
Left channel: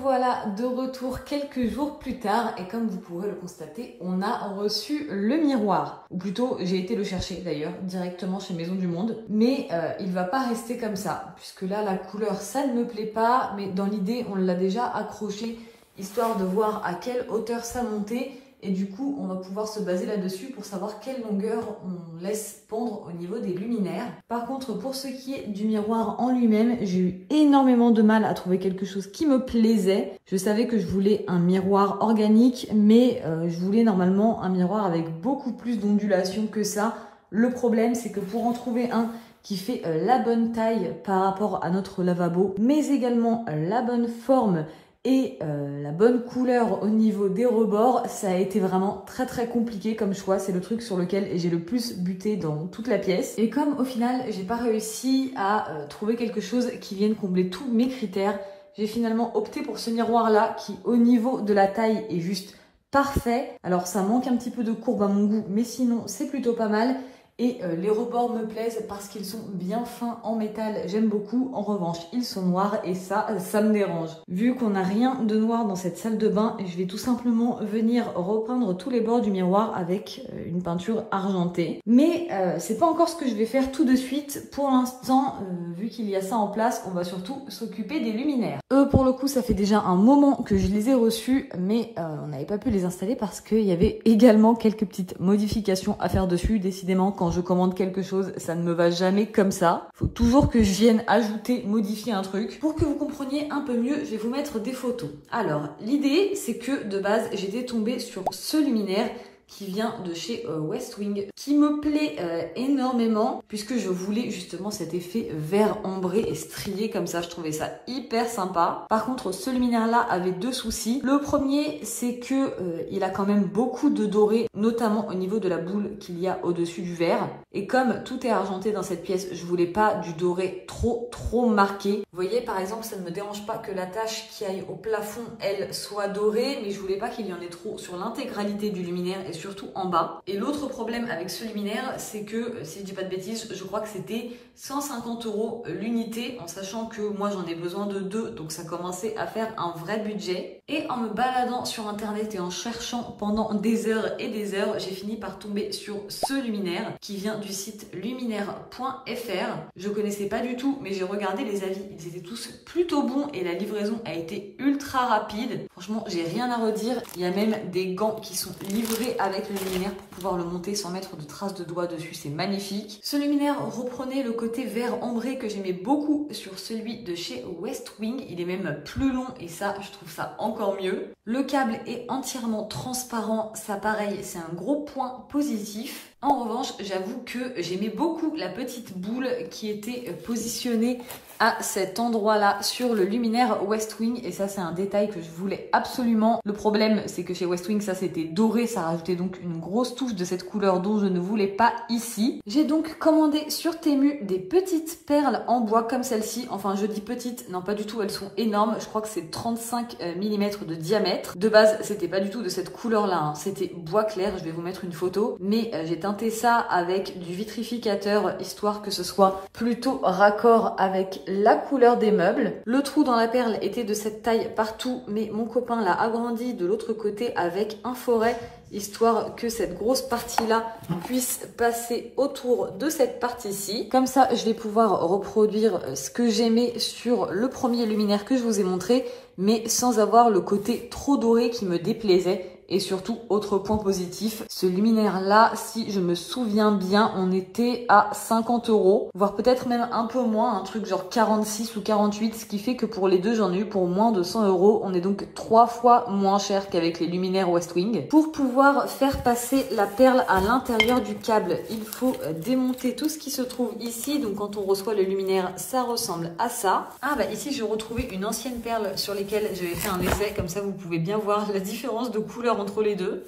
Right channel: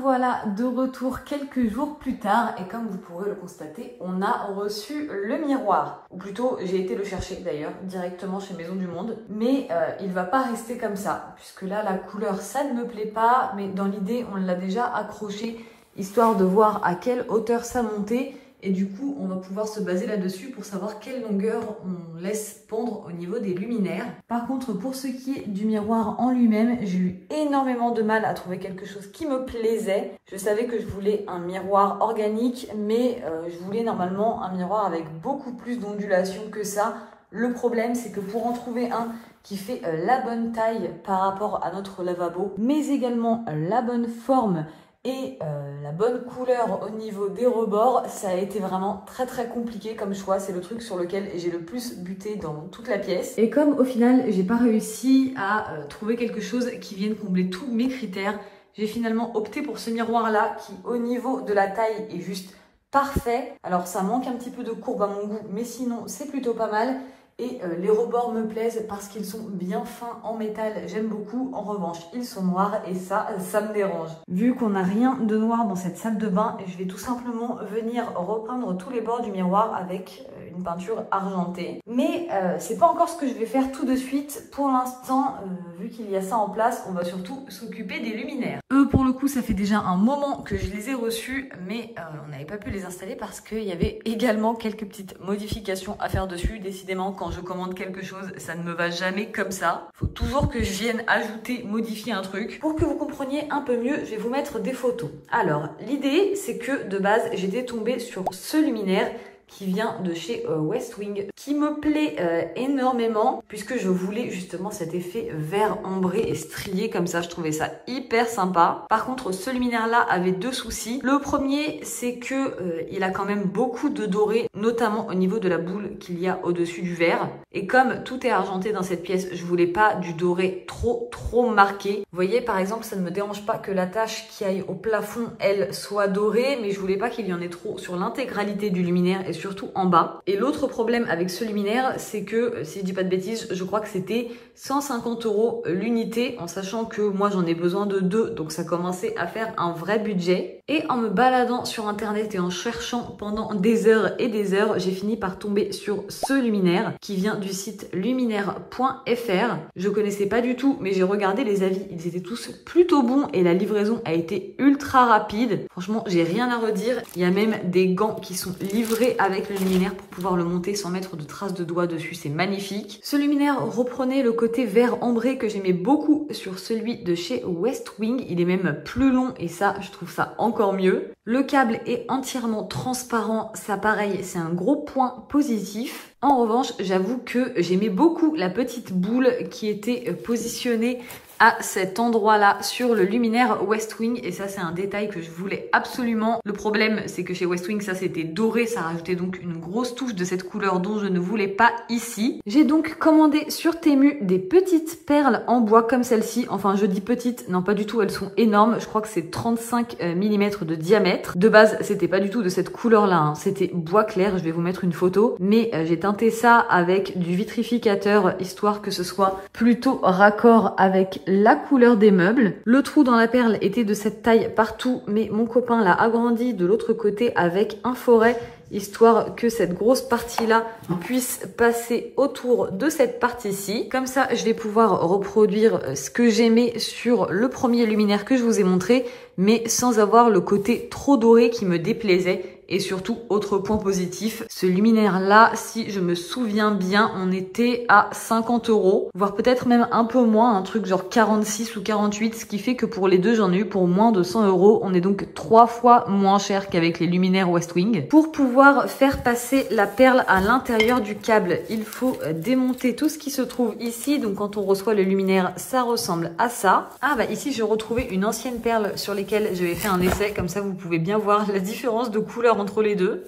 Voilà de retour quelques jours plus tard et comme vous pourrez le constater, on a reçu le miroir. Ou plutôt, j'ai été le chercher d'ailleurs, directement chez Maison du Monde. Mais il va pas rester comme ça, puisque là, la couleur, ça ne me plaît pas. Mais dans l'idée, on l'a déjà accroché, histoire de voir à quelle hauteur ça montait. Et du coup, on va pouvoir se baser là-dessus pour savoir quelle longueur on laisse pondre au niveau des luminaires. Par contre, pour ce qui est du miroir en lui-même, j'ai eu énormément de mal à trouver quelque chose qui me plaisait. Je savais que je voulais un miroir organique, mais je voulais normalement un miroir avec beaucoup plus d'ondulation que ça. Le problème, c'est que pour en trouver un qui fait la bonne taille par rapport à notre lavabo, mais également la bonne forme, et la bonne couleur au niveau des rebords, ça a été vraiment très très compliqué comme choix. C'est le truc sur lequel j'ai le plus buté dans toute la pièce. Et comme au final, j'ai pas réussi à trouver quelque chose qui vienne combler tous mes critères, j'ai finalement opté pour ce miroir-là qui, au niveau de la taille, est juste parfait. Alors ça manque un petit peu de courbe à mon goût, mais sinon c'est plutôt pas mal. Et les rebords me plaisent parce qu'ils sont bien fins en métal, j'aime beaucoup. En revanche, ils sont noirs et ça me dérange. Vu qu'on n'a rien de noir dans cette salle de bain, je vais tout simplement venir repeindre tous les bords du miroir avec une peinture argentée. Mais c'est pas encore ce que je vais faire tout de suite. Pour l'instant, vu qu'il y a ça en place, on va surtout s'occuper des luminaires. Eux, pour le coup, ça fait déjà un moment que je les ai reçus, mais on n'avait pas pu les installer parce qu'il y avait également quelques petites modifications à faire dessus. Décidément, quand je commande quelque chose, ça ne me va jamais comme ça. Faut toujours que je vienne ajouter, modifier un truc. Pour que vous compreniez un peu mieux, je vais vous mettre des photos. Alors, l'idée, c'est que de base, j'étais tombée sur ce luminaire qui vient de chez Westwing, qui me plaît énormément puisque je voulais justement cet effet vert ambré et strié comme ça. Je trouvais ça hyper sympa. Par contre, ce luminaire-là avait deux soucis. Le premier, c'est que il a quand même beaucoup de doré, notamment au niveau de la boule qu'il y a au-dessus du verre. Et comme tout est argenté dans cette pièce, je voulais pas du doré trop marqué. Vous voyez, par exemple, ça ne me dérange pas que la tache qui aille au plafond, elle, soit dorée, mais je voulais pas qu'il y en ait trop sur l'intégralité du luminaire et surtout en bas. Et l'autre problème avec ce luminaire, c'est que, si je dis pas de bêtises, je crois que c'était 150 € l'unité, en sachant que moi j'en ai besoin de 2, donc ça commençait à faire un vrai budget. Et en me baladant sur internet et en cherchant pendant des heures et des heures, j'ai fini par tomber sur ce luminaire qui vient du site luminaire.fr. Je connaissais pas du tout, mais j'ai regardé les avis, ils étaient tous plutôt bons et la livraison a été ultra rapide. Franchement, j'ai rien à redire. Il y a même des gants qui sont livrés avec le luminaire pour pouvoir le monter sans mettre de traces de doigts dessus, c'est magnifique. Ce luminaire reprenait le côté vert ambré que j'aimais beaucoup sur celui de chez Westwing. Il est même plus long et ça, je trouve ça encore mieux. Le câble est entièrement transparent, ça pareil, c'est un gros point positif. En revanche, j'avoue que j'aimais beaucoup la petite boule qui était positionnée à cet endroit-là sur le luminaire Westwing, et ça c'est un détail que je voulais absolument. Le problème c'est que chez Westwing ça c'était doré, ça rajoutait donc une grosse touche de cette couleur dont je ne voulais pas ici. J'ai donc commandé sur Temu des petites perles en bois comme celle-ci. Enfin je dis petites, non pas du tout, elles sont énormes, je crois que c'est 35 mm de diamètre. De base c'était pas du tout de cette couleur là, hein. C'était bois clair, je vais vous mettre une photo, mais j'ai teinté ça avec du vitrificateur histoire que ce soit plutôt raccord avec la couleur des meubles. Le trou dans la perle était de cette taille partout, mais mon copain l'a agrandi de l'autre côté avec un forêt histoire que cette grosse partie-là puisse passer autour de cette partie-ci. Comme ça, je vais pouvoir reproduire ce que j'aimais sur le premier luminaire que je vous ai montré, mais sans avoir le côté trop doré qui me déplaisait. Et surtout, autre point positif, ce luminaire-là, si je me souviens bien, on était à 50 €, voire peut-être même un peu moins, un truc genre 46 ou 48, ce qui fait que pour les deux, j'en ai eu pour moins de 100 €. On est donc 3 fois moins cher qu'avec les luminaires Westwing. Pour pouvoir faire passer la perle à l'intérieur du câble, il faut démonter tout ce qui se trouve ici. Donc quand on reçoit le luminaire, ça ressemble à ça. Ah bah ici, j'ai retrouvé une ancienne perle sur lesquelles j'avais fait un essai. Comme ça, vous pouvez bien voir la différence de couleur entre les deux.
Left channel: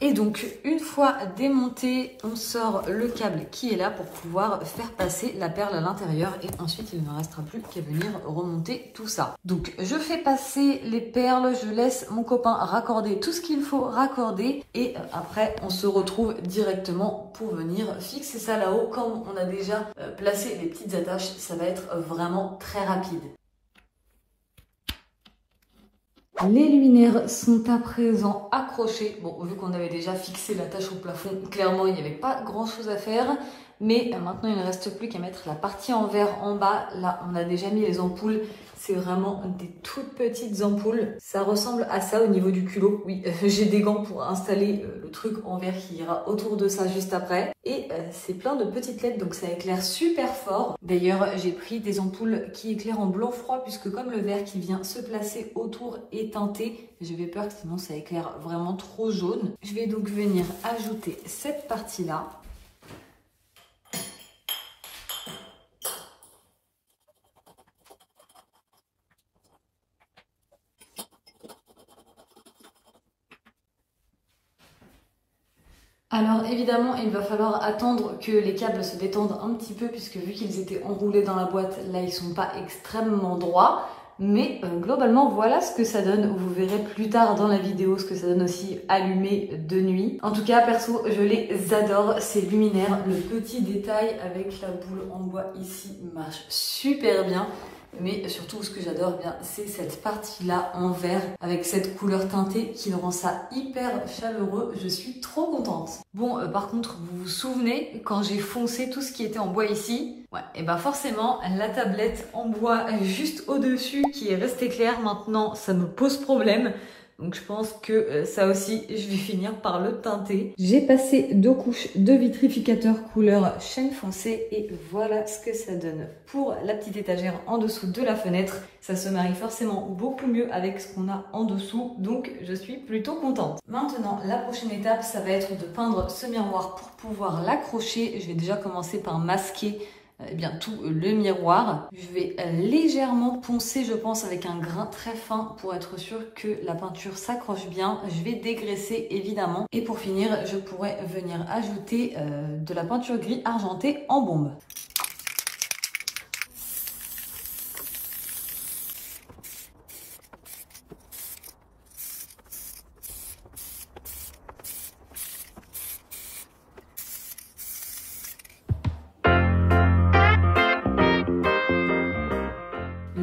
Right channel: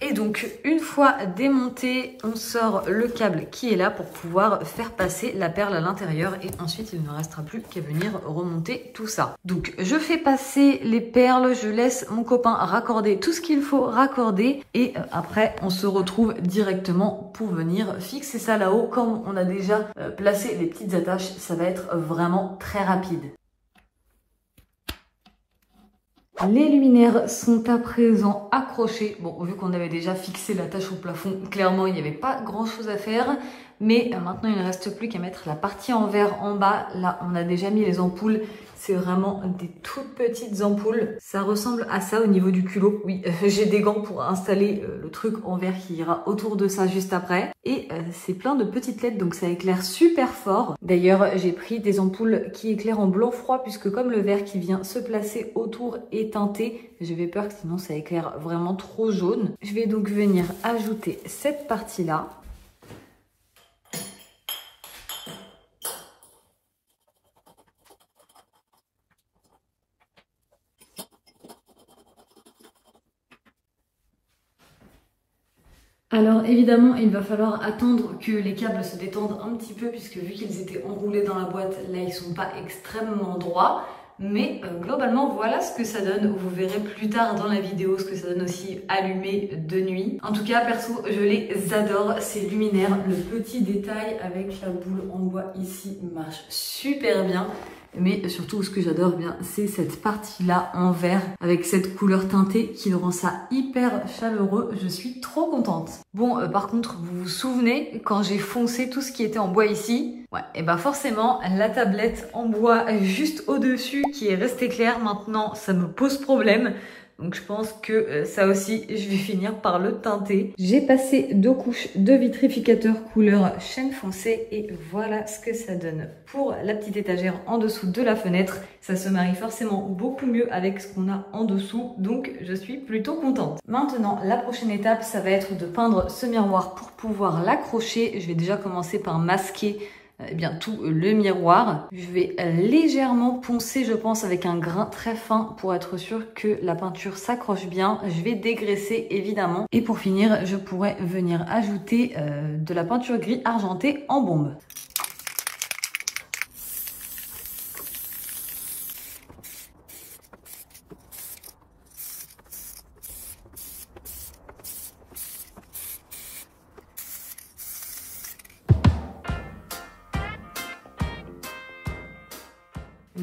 Et donc une fois démonté, on sort le câble qui est là pour pouvoir faire passer la perle à l'intérieur et ensuite il ne restera plus qu'à venir remonter tout ça. Donc je fais passer les perles, je laisse mon copain raccorder tout ce qu'il faut raccorder et après on se retrouve directement pour venir fixer ça là-haut. Comme on a déjà placé les petites attaches, ça va être vraiment très rapide. Les luminaires sont à présent accrochés. Bon, vu qu'on avait déjà fixé l'attache au plafond, clairement, il n'y avait pas grand-chose à faire. Mais maintenant, il ne reste plus qu'à mettre la partie en verre en bas. Là, on a déjà mis les ampoules. C'est vraiment des toutes petites ampoules. Ça ressemble à ça au niveau du culot. Oui, j'ai des gants pour installer le truc en verre qui ira autour de ça juste après. Et c'est plein de petites LED, donc ça éclaire super fort. D'ailleurs, j'ai pris des ampoules qui éclairent en blanc froid, puisque comme le verre qui vient se placer autour est teinté, j'avais peur que sinon ça éclaire vraiment trop jaune. Je vais donc venir ajouter cette partie-là. Alors évidemment, il va falloir attendre que les câbles se détendent un petit peu puisque vu qu'ils étaient enroulés dans la boîte, là ils sont pas extrêmement droits. Mais globalement, voilà ce que ça donne. Vous verrez plus tard dans la vidéo ce que ça donne aussi allumé de nuit. En tout cas, perso, je les adore, ces luminaires. Le petit détail avec la boule en bois ici marche super bien. Mais surtout, ce que j'adore bien, c'est cette partie-là en verre avec cette couleur teintée qui rend ça hyper chaleureux. Je suis trop contente. Bon, par contre, vous vous souvenez quand j'ai foncé tout ce qui était en bois ici? Ouais, et bah forcément, la tablette en bois juste au-dessus qui est restée claire, maintenant, ça me pose problème. Donc je pense que ça aussi, je vais finir par le teinter. J'ai passé 2 couches de vitrificateur couleur chêne foncé et voilà ce que ça donne pour la petite étagère en dessous de la fenêtre. Ça se marie forcément beaucoup mieux avec ce qu'on a en dessous, donc je suis plutôt contente. Maintenant, la prochaine étape, ça va être de peindre ce miroir pour pouvoir l'accrocher. Je vais déjà commencer par masquer tout le miroir. Je vais légèrement poncer, je pense, avec un grain très fin pour être sûr que la peinture s'accroche bien. Je vais dégraisser évidemment. Et pour finir, je pourrais venir ajouter de la peinture gris argenté en bombe.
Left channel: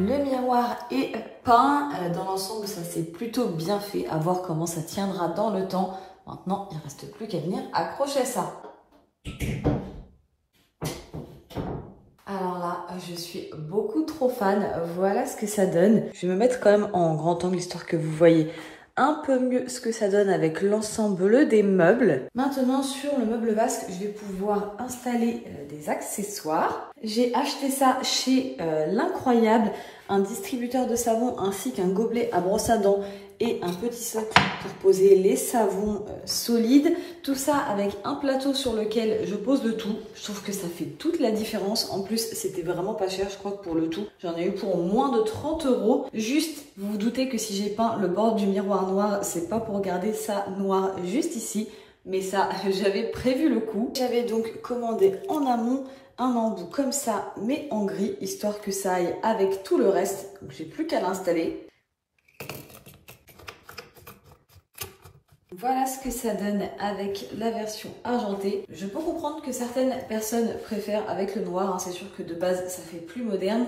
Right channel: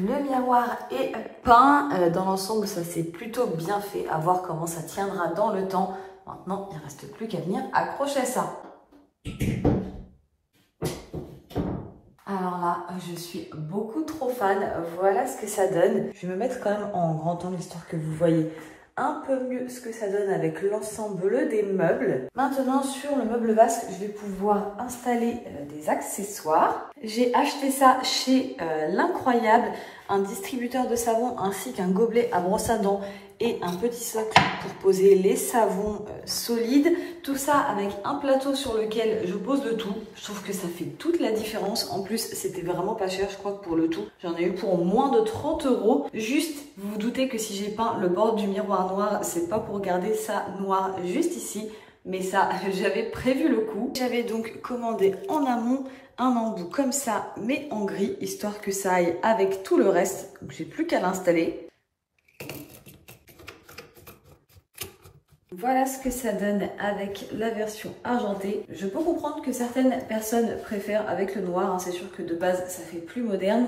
Le miroir est peint, dans l'ensemble ça s'est plutôt bien fait, à voir comment ça tiendra dans le temps. Maintenant il ne reste plus qu'à venir accrocher ça. Alors là, je suis beaucoup trop fan, voilà ce que ça donne. Je vais me mettre quand même en grand angle histoire que vous voyez un peu mieux ce que ça donne avec l'ensemble des meubles. Maintenant sur le meuble vasque, je vais pouvoir installer des accessoires. J'ai acheté ça chez L'Incroyable, un distributeur de savon ainsi qu'un gobelet à brosse à dents et un petit socle pour poser les savons solides. Tout ça avec un plateau sur lequel je pose le tout. Je trouve que ça fait toute la différence. En plus, c'était vraiment pas cher. Je crois que pour le tout, j'en ai eu pour moins de 30 €. Juste, vous vous doutez que si j'ai peint le bord du miroir noir, c'est pas pour garder ça noir juste ici. Mais ça, j'avais prévu le coup. J'avais donc commandé en amont un embout comme ça, mais en gris, histoire que ça aille avec tout le reste. Donc j'ai plus qu'à l'installer. Voilà ce que ça donne avec la version argentée. Je peux comprendre que certaines personnes préfèrent avec le noir, hein. C'est sûr que de base ça fait plus moderne,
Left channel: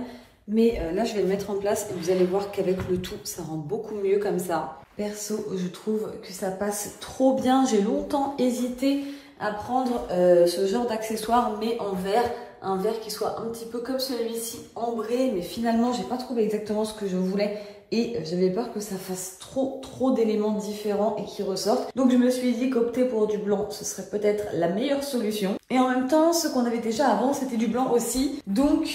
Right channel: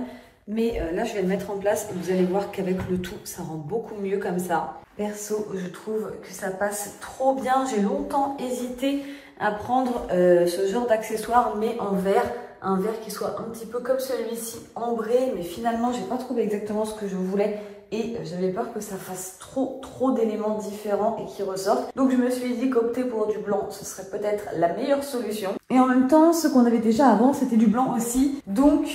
Mais là, je vais le mettre en place et vous allez voir qu'avec le tout, ça rend beaucoup mieux comme ça. Perso, je trouve que ça passe trop bien. J'ai longtemps hésité à prendre ce genre d'accessoire, mais en verre. Un verre qui soit un petit peu comme celui-ci, ambré, mais finalement, j'ai pas trouvé exactement ce que je voulais. Et j'avais peur que ça fasse trop d'éléments différents et qui ressortent. Donc je me suis dit qu'opter pour du blanc, ce serait peut-être la meilleure solution. Et en même temps, ce qu'on avait déjà avant, c'était du blanc aussi. Donc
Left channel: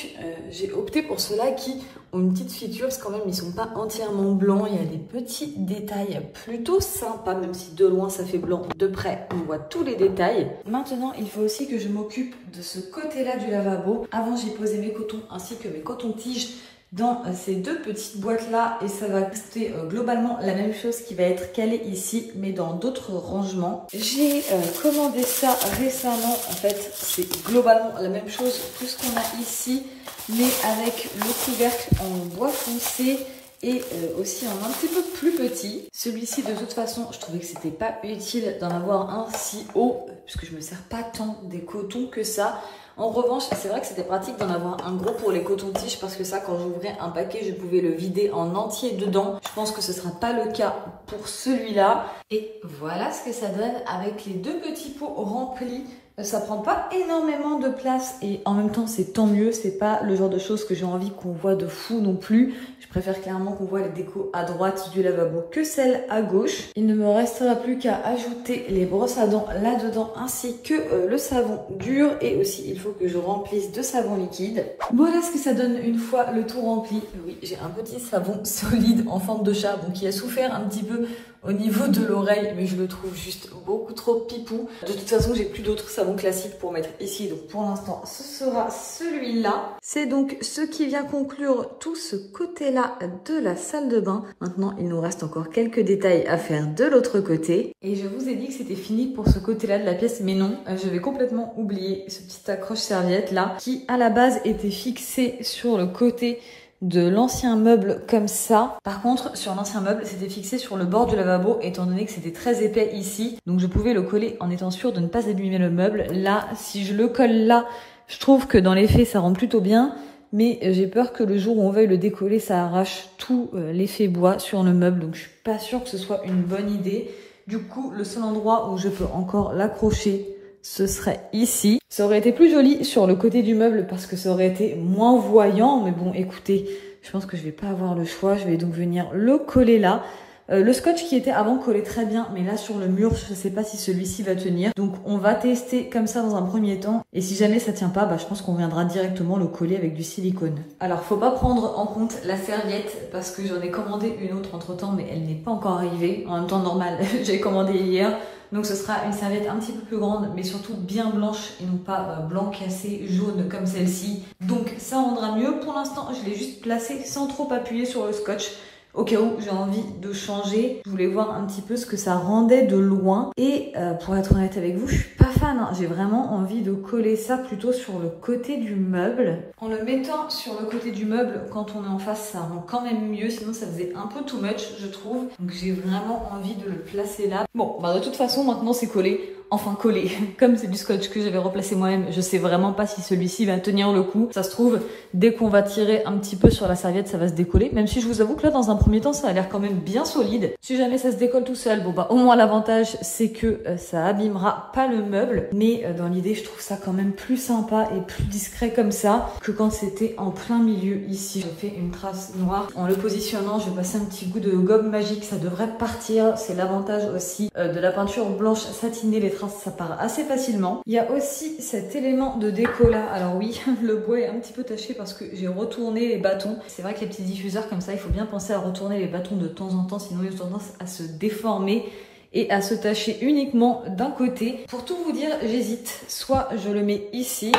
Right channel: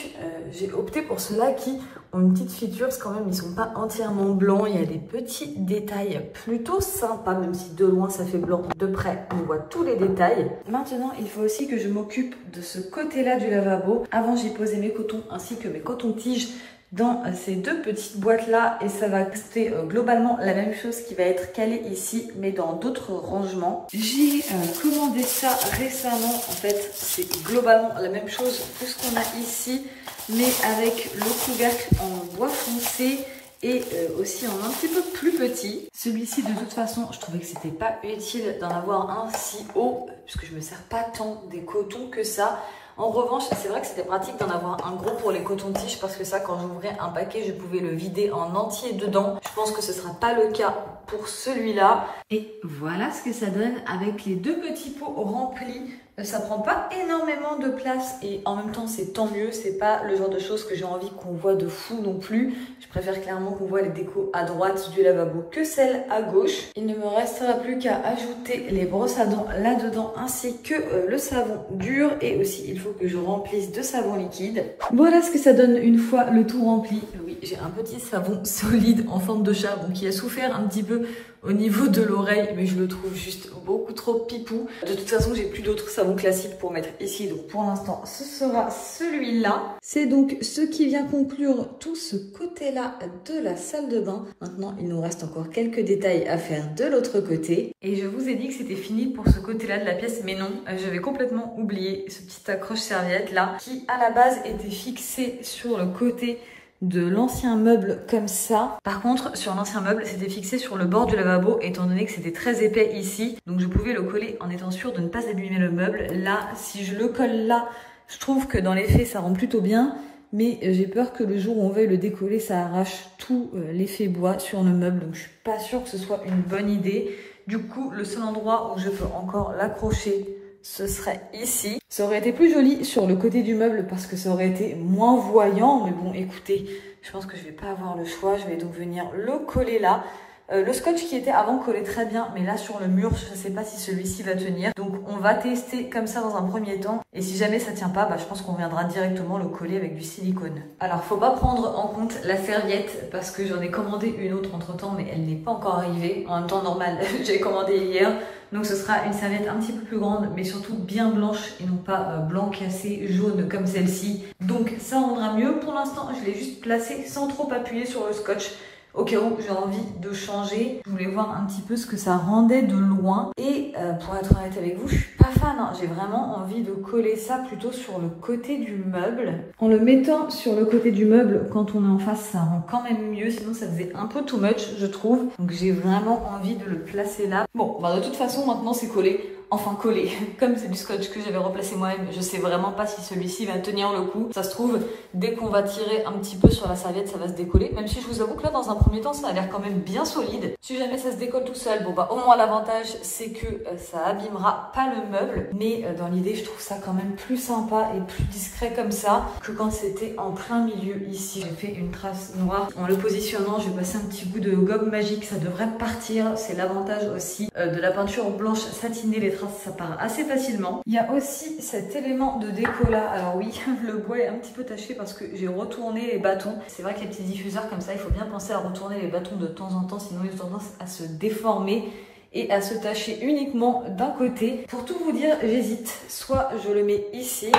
j'ai opté pour ceux-là qui ont une petite feature, parce que quand même, ils sont pas entièrement blancs. Il y a des petits détails plutôt sympas, même si de loin, ça fait blanc. De près, on voit tous les détails. Maintenant, il faut aussi que je m'occupe de ce côté-là du lavabo. Avant, j'y posais mes cotons ainsi que mes cotons-tiges dans ces deux petites boîtes là et ça va rester globalement la même chose qui va être calée ici mais dans d'autres rangements. J'ai commandé ça récemment, en fait c'est globalement la même chose que ce qu'on a ici mais avec le couvercle en bois foncé et aussi en un petit peu plus petit. Celui-ci de toute façon je trouvais que c'était pas utile d'en avoir un si haut puisque je me sers pas tant des cotons que ça. En revanche, c'est vrai que c'était pratique d'en avoir un gros pour les cotons-tiges parce que ça, quand j'ouvrais un paquet, je pouvais le vider en entier dedans. Je pense que ce ne sera pas le cas pour celui-là. Et voilà ce que ça donne avec les deux petits pots remplis. Ça prend pas énormément de place et en même temps c'est tant mieux, c'est pas le genre de choses que j'ai envie qu'on voit de fou non plus. Je préfère clairement qu'on voit les décos à droite du lavabo que celles à gauche. Il ne me restera plus qu'à ajouter les brosses à dents là-dedans ainsi que le savon dur et aussi il faut que je remplisse de savon liquide. Voilà ce que ça donne une fois le tout rempli. Oui, j'ai un petit savon solide en forme de chat bon, qui a souffert un petit peu au niveau de l'oreille, mais je le trouve juste beaucoup trop pipou. De toute façon, j'ai plus d'autres savons classiques pour mettre ici, donc pour l'instant, ce sera celui-là. C'est donc ce qui vient conclure tout ce côté-là de la salle de bain. Maintenant, il nous reste encore quelques détails à faire de l'autre côté. Et je vous ai dit que c'était fini pour ce côté-là de la pièce, mais non, j'avais complètement oublié ce petit accroche-serviette-là, qui à la base était fixé sur le côté de l'ancien meuble comme ça. Par contre, sur l'ancien meuble, c'était fixé sur le bord du lavabo, étant donné que c'était très épais ici. Donc je pouvais le coller en étant sûre de ne pas abîmer le meuble. Là, si je le colle là, je trouve que dans les faits, ça rend plutôt bien. Mais j'ai peur que le jour où on veuille le décoller, ça arrache tout l'effet bois sur le meuble. Donc je suis pas sûre que ce soit une bonne idée. Du coup, le seul endroit où je peux encore l'accrocher, ce serait ici. Ça aurait été plus joli sur le côté du meuble parce que ça aurait été moins voyant. Mais bon, écoutez, je pense que je vais pas avoir le choix. Je vais donc venir le coller là. Le scotch qui était avant collait très bien, mais là sur le mur, je ne sais pas si celui-ci va tenir. Donc on va tester comme ça dans un premier temps. Et si jamais ça tient pas, je pense qu'on viendra directement le coller avec du silicone. Alors faut pas prendre en compte la serviette parce que j'en ai commandé une autre entre temps, mais elle n'est pas encore arrivée. En même temps normal, j'ai commandé hier. Donc ce sera une serviette un petit peu plus grande, mais surtout bien blanche et non pas blanc cassé, jaune comme celle-ci. Donc ça rendra mieux. Pour l'instant, je l'ai juste placée sans trop appuyer sur le scotch. Au cas où j'ai envie de changer, je voulais voir un petit peu ce que ça rendait de loin. Et pour être honnête avec vous, je suis pas fan. J'ai vraiment envie de coller ça plutôt sur le côté du meuble. En le mettant sur le côté du meuble, quand on est en face, ça rend quand même mieux. Sinon, ça faisait un peu too much, je trouve. Donc j'ai vraiment envie de le placer là. Bon, de toute façon, maintenant c'est collé. Enfin collé, comme c'est du scotch que j'avais remplacé moi-même, je sais vraiment pas si celui-ci va tenir le coup. Ça se trouve, dès qu'on va tirer un petit peu sur la serviette, ça va se décoller. Même si je vous avoue que là, dans un premier temps, ça a l'air quand même bien solide. Si jamais ça se décolle tout seul, au moins l'avantage, c'est que ça abîmera pas le meuble. Mais dans l'idée, je trouve ça quand même plus sympa et plus discret comme ça que quand c'était en plein milieu ici. J'ai fait une trace noire. En le positionnant, je vais passer un petit bout de gomme magique, ça devrait partir. C'est l'avantage aussi de la peinture blanche satinée. Les traces, ça part assez facilement. Il y a aussi cet élément de déco là. Alors oui, le bois est un petit peu taché parce que j'ai retourné les bâtons. C'est vrai que les petits diffuseurs comme ça, il faut bien penser à retourner les bâtons de temps en temps, sinon ils ont tendance à se déformer et à se tacher uniquement d'un côté. Pour tout vous dire, j'hésite. Soit je le mets ici,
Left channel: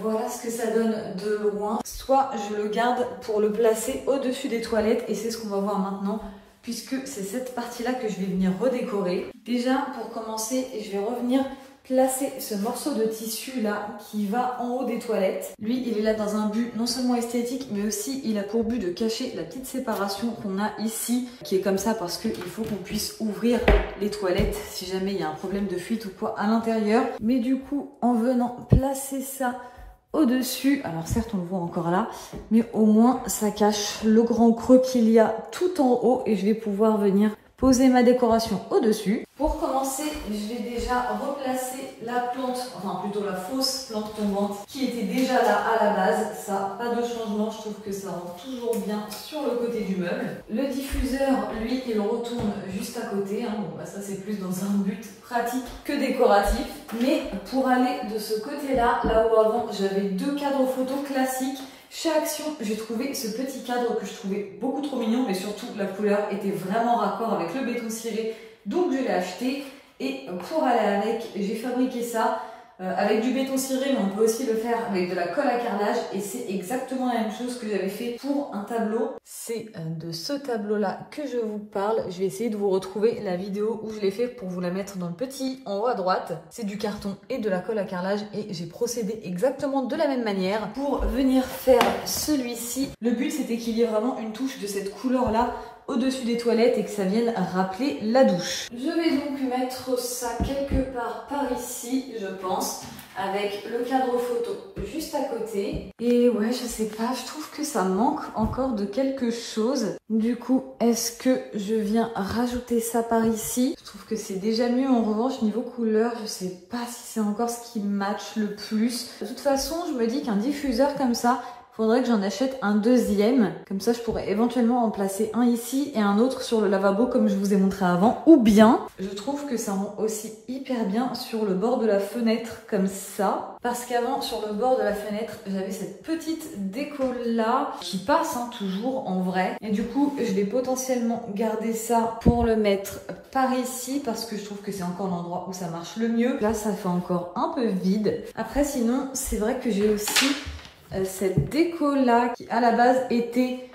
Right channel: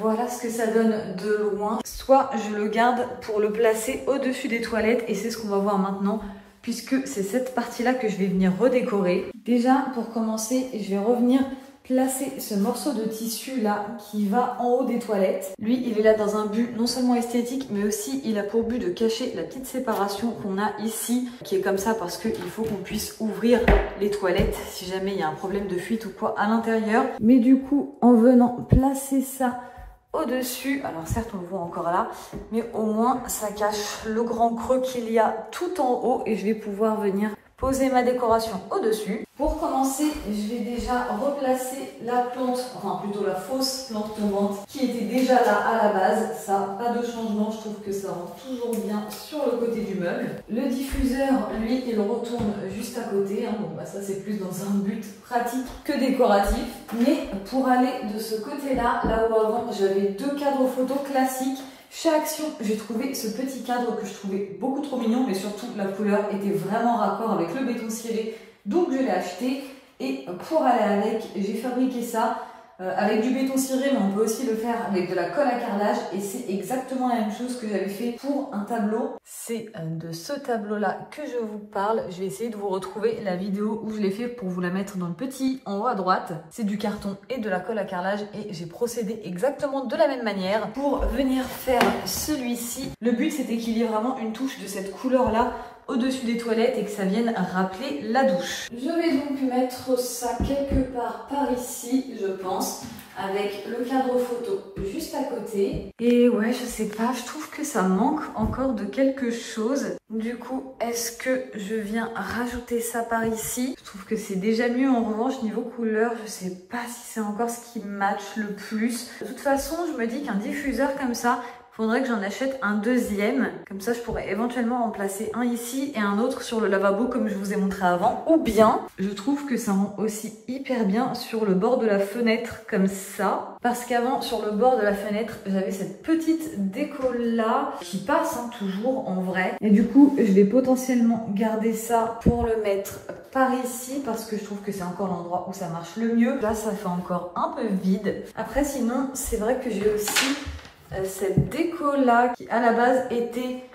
voilà ce que ça donne de loin, soit je le garde pour le placer au-dessus des toilettes et c'est ce qu'on va voir maintenant, puisque c'est cette partie-là que je vais venir redécorer. Déjà, pour commencer, je vais revenir placer ce morceau de tissu là qui va en haut des toilettes. Lui, il est là dans un but non seulement esthétique, mais aussi il a pour but de cacher la petite séparation qu'on a ici, qui est comme ça parce qu'il faut qu'on puisse ouvrir les toilettes si jamais il y a un problème de fuite ou quoi à l'intérieur. Mais du coup, en venant placer ça au-dessus. Alors certes on le voit encore là, mais au moins ça cache le grand creux qu'il y a tout en haut et je vais pouvoir venir poser ma décoration au-dessus. Pour commencer, je vais déjà replacer la plante, enfin plutôt la fausse plante tombante qui était déjà là à la base. Ça, pas de changement, je trouve que ça rentre toujours bien sur le côté du meuble. Le diffuseur, lui, il retourne juste à côté. Hein. Bon, bah ça c'est plus dans un but pratique que décoratif. Mais pour aller de ce côté-là, là où avant j'avais deux cadres photos classiques, chez Action, j'ai trouvé ce petit cadre que je trouvais beaucoup trop mignon, mais surtout la couleur était vraiment raccord avec le béton ciré, donc je l'ai acheté. Et pour aller avec, j'ai fabriqué ça avec du béton ciré, mais on peut aussi le faire avec de la colle à carrelage, et c'est exactement la même chose que j'avais fait pour un tableau. C'est de ce tableau-là que je vous parle. Je vais essayer de vous retrouver la vidéo où je l'ai fait pour vous la mettre dans le petit en haut à droite. C'est du carton et de la colle à carrelage, et j'ai procédé exactement de la même manière pour venir faire celui-ci. Le but, c'était qu'il y ait vraiment une touche de cette couleur-là au-dessus des toilettes et que ça vienne rappeler la douche. Je vais donc mettre ça quelque part par ici, je pense, avec le cadre photo juste à côté. Et ouais, je sais pas, je trouve que ça manque encore de quelque chose. Du coup, est-ce que je viens rajouter ça par ici? Je trouve que c'est déjà mieux. En revanche, niveau couleur, je sais pas si c'est encore ce qui match le plus. De toute façon, je me dis qu'un diffuseur comme ça, faudrait que j'en achète un deuxième. Comme ça, je pourrais éventuellement en placer un ici et un autre sur le lavabo comme je vous ai montré avant. Ou bien, je trouve que ça rend aussi hyper bien sur le bord de la fenêtre comme ça. Parce qu'avant, sur le bord de la fenêtre, j'avais cette petite déco là qui passe toujours en vrai. Et du coup, je vais potentiellement garder ça pour le mettre par ici parce que je trouve que c'est encore l'endroit où ça marche le mieux. Là, ça fait encore un peu vide. Après, sinon, c'est vrai que j'ai aussi cette déco là qui à la base était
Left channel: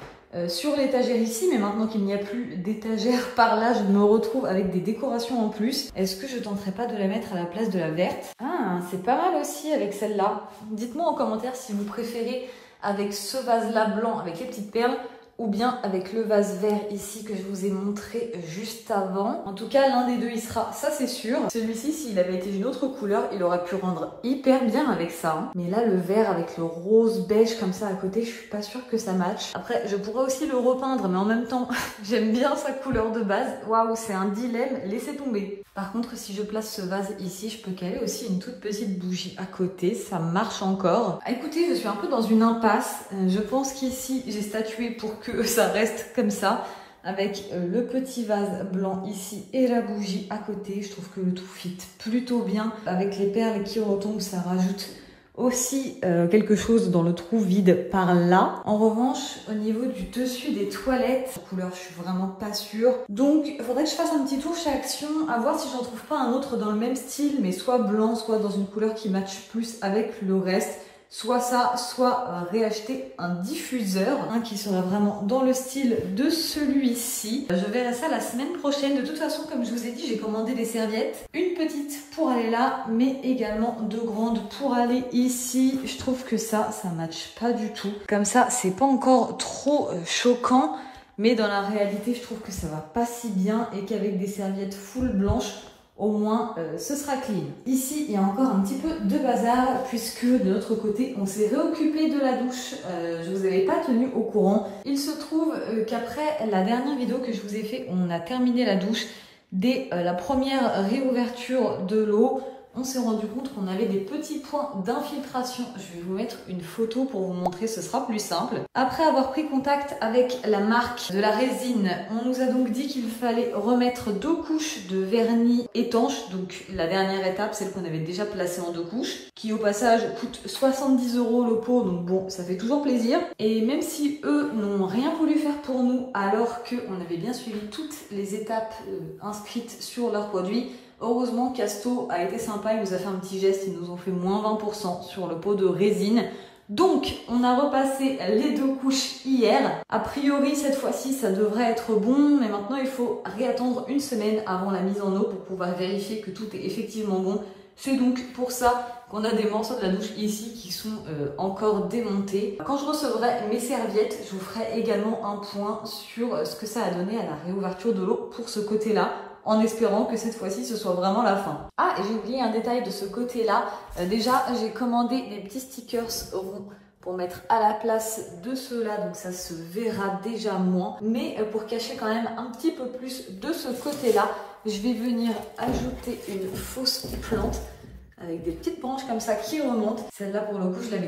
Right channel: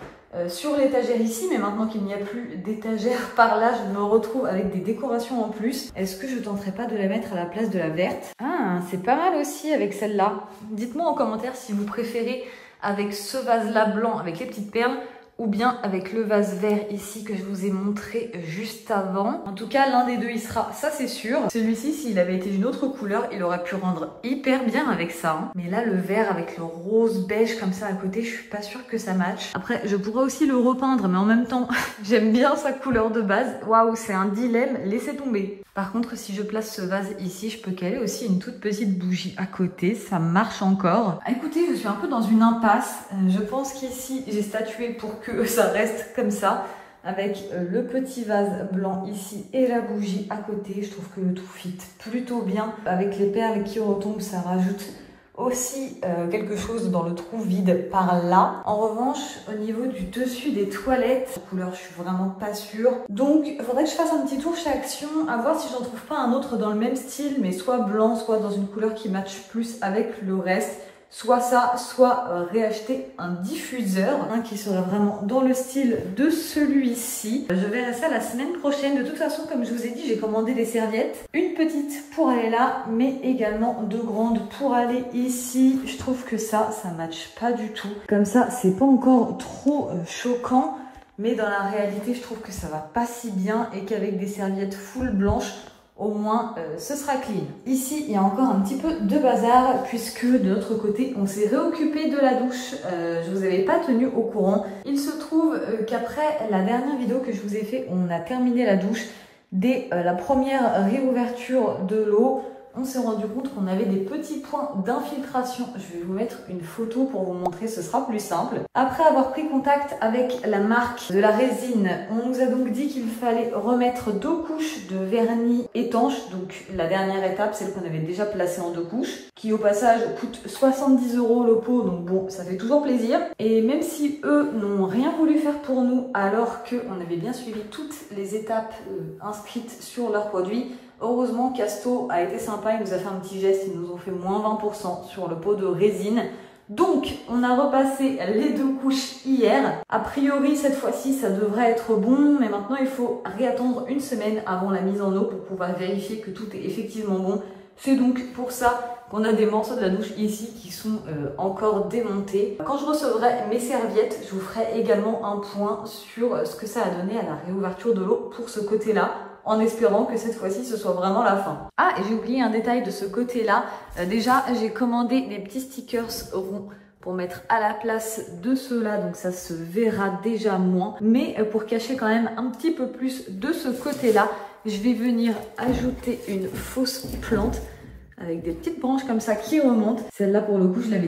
sur l'étagère ici, mais maintenant qu'il n'y a plus d'étagère par là, je me retrouve avec des décorations en plus. Est-ce que je tenterais pas de la mettre à la place de la verte? Ah, c'est pas mal aussi avec celle-là. Dites-moi en commentaire si vous préférez avec ce vase là blanc avec les petites perles ou bien avec le vase vert ici que je vous ai montré juste avant. En tout cas, l'un des deux y sera, ça c'est sûr. Celui-ci, s'il avait été d'une autre couleur, il aurait pu rendre hyper bien avec ça. Hein. Mais là, le vert avec le rose beige comme ça à côté, je suis pas sûre que ça matche. Après, je pourrais aussi le repeindre, mais en même temps, j'aime bien sa couleur de base. Waouh, c'est un dilemme, laissez tomber. Par contre, si je place ce vase ici, je peux caler aussi une toute petite bougie à côté. Ça marche encore. Écoutez, je suis un peu dans une impasse. Je pense qu'ici, j'ai statué pour que ça reste comme ça. Avec le petit vase blanc ici et la bougie à côté. Je trouve que le tout fit plutôt bien. Avec les perles qui retombent, ça rajoute aussi quelque chose dans le trou vide par là. En revanche, au niveau du dessus des toilettes, la couleur, je suis vraiment pas sûre. Donc, il faudrait que je fasse un petit tour chez Action, à voir si j'en trouve pas un autre dans le même style, mais soit blanc, soit dans une couleur qui matche plus avec le reste. Soit ça, soit réacheter un diffuseur, qui sera vraiment dans le style de celui-ci. Je verrai ça la semaine prochaine. De toute façon, comme je vous ai dit, j'ai commandé des serviettes. Une petite pour aller là, mais également deux grandes pour aller ici. Je trouve que ça matche pas du tout. Comme ça, c'est pas encore trop choquant. Mais dans la réalité, je trouve que ça va pas si bien et qu'avec des serviettes full blanches, au moins ce sera clean. Ici, il y a encore un petit peu de bazar puisque de l'autre côté, on s'est réoccupé de la douche. Je vous avais pas tenu au courant. Il se trouve qu'après la dernière vidéo que je vous ai fait, on a terminé la douche. Dès la première réouverture de l'eau, on s'est rendu compte qu'on avait des petits points d'infiltration. Je vais vous mettre une photo pour vous montrer, ce sera plus simple. Après avoir pris contact avec la marque de la résine, on nous a donc dit qu'il fallait remettre 2 couches de vernis étanche. Donc la dernière étape, celle qu'on avait déjà placée en 2 couches, qui au passage coûte 70 € le pot, donc bon, ça fait toujours plaisir. Et même si eux n'ont rien voulu faire pour nous, alors qu'on avait bien suivi toutes les étapes inscrites sur leurs produits, heureusement, Casto a été sympa, il nous a fait un petit geste, ils nous ont fait moins 20% sur le pot de résine. Donc, on a repassé les 2 couches hier. A priori, cette fois-ci, ça devrait être bon, mais maintenant, il faut réattendre une semaine avant la mise en eau pour pouvoir vérifier que tout est effectivement bon. C'est donc pour ça qu'on a des morceaux de la douche ici qui sont encore démontés. Quand je recevrai mes serviettes, je vous ferai également un point sur ce que ça a donné à la réouverture de l'eau pour ce côté-là. en espérant que cette fois-ci ce soit vraiment la fin. Ah, et j'ai oublié un détail de ce côté-là. Déjà, j'ai commandé les petits stickers ronds pour mettre à la place de ceux-là, donc ça se verra déjà moins. Mais pour cacher quand même un petit peu plus de ce côté-là, je vais venir ajouter une fausse plante avec des petites branches comme ça qui remontent. Celle-là pour le coup je l'ai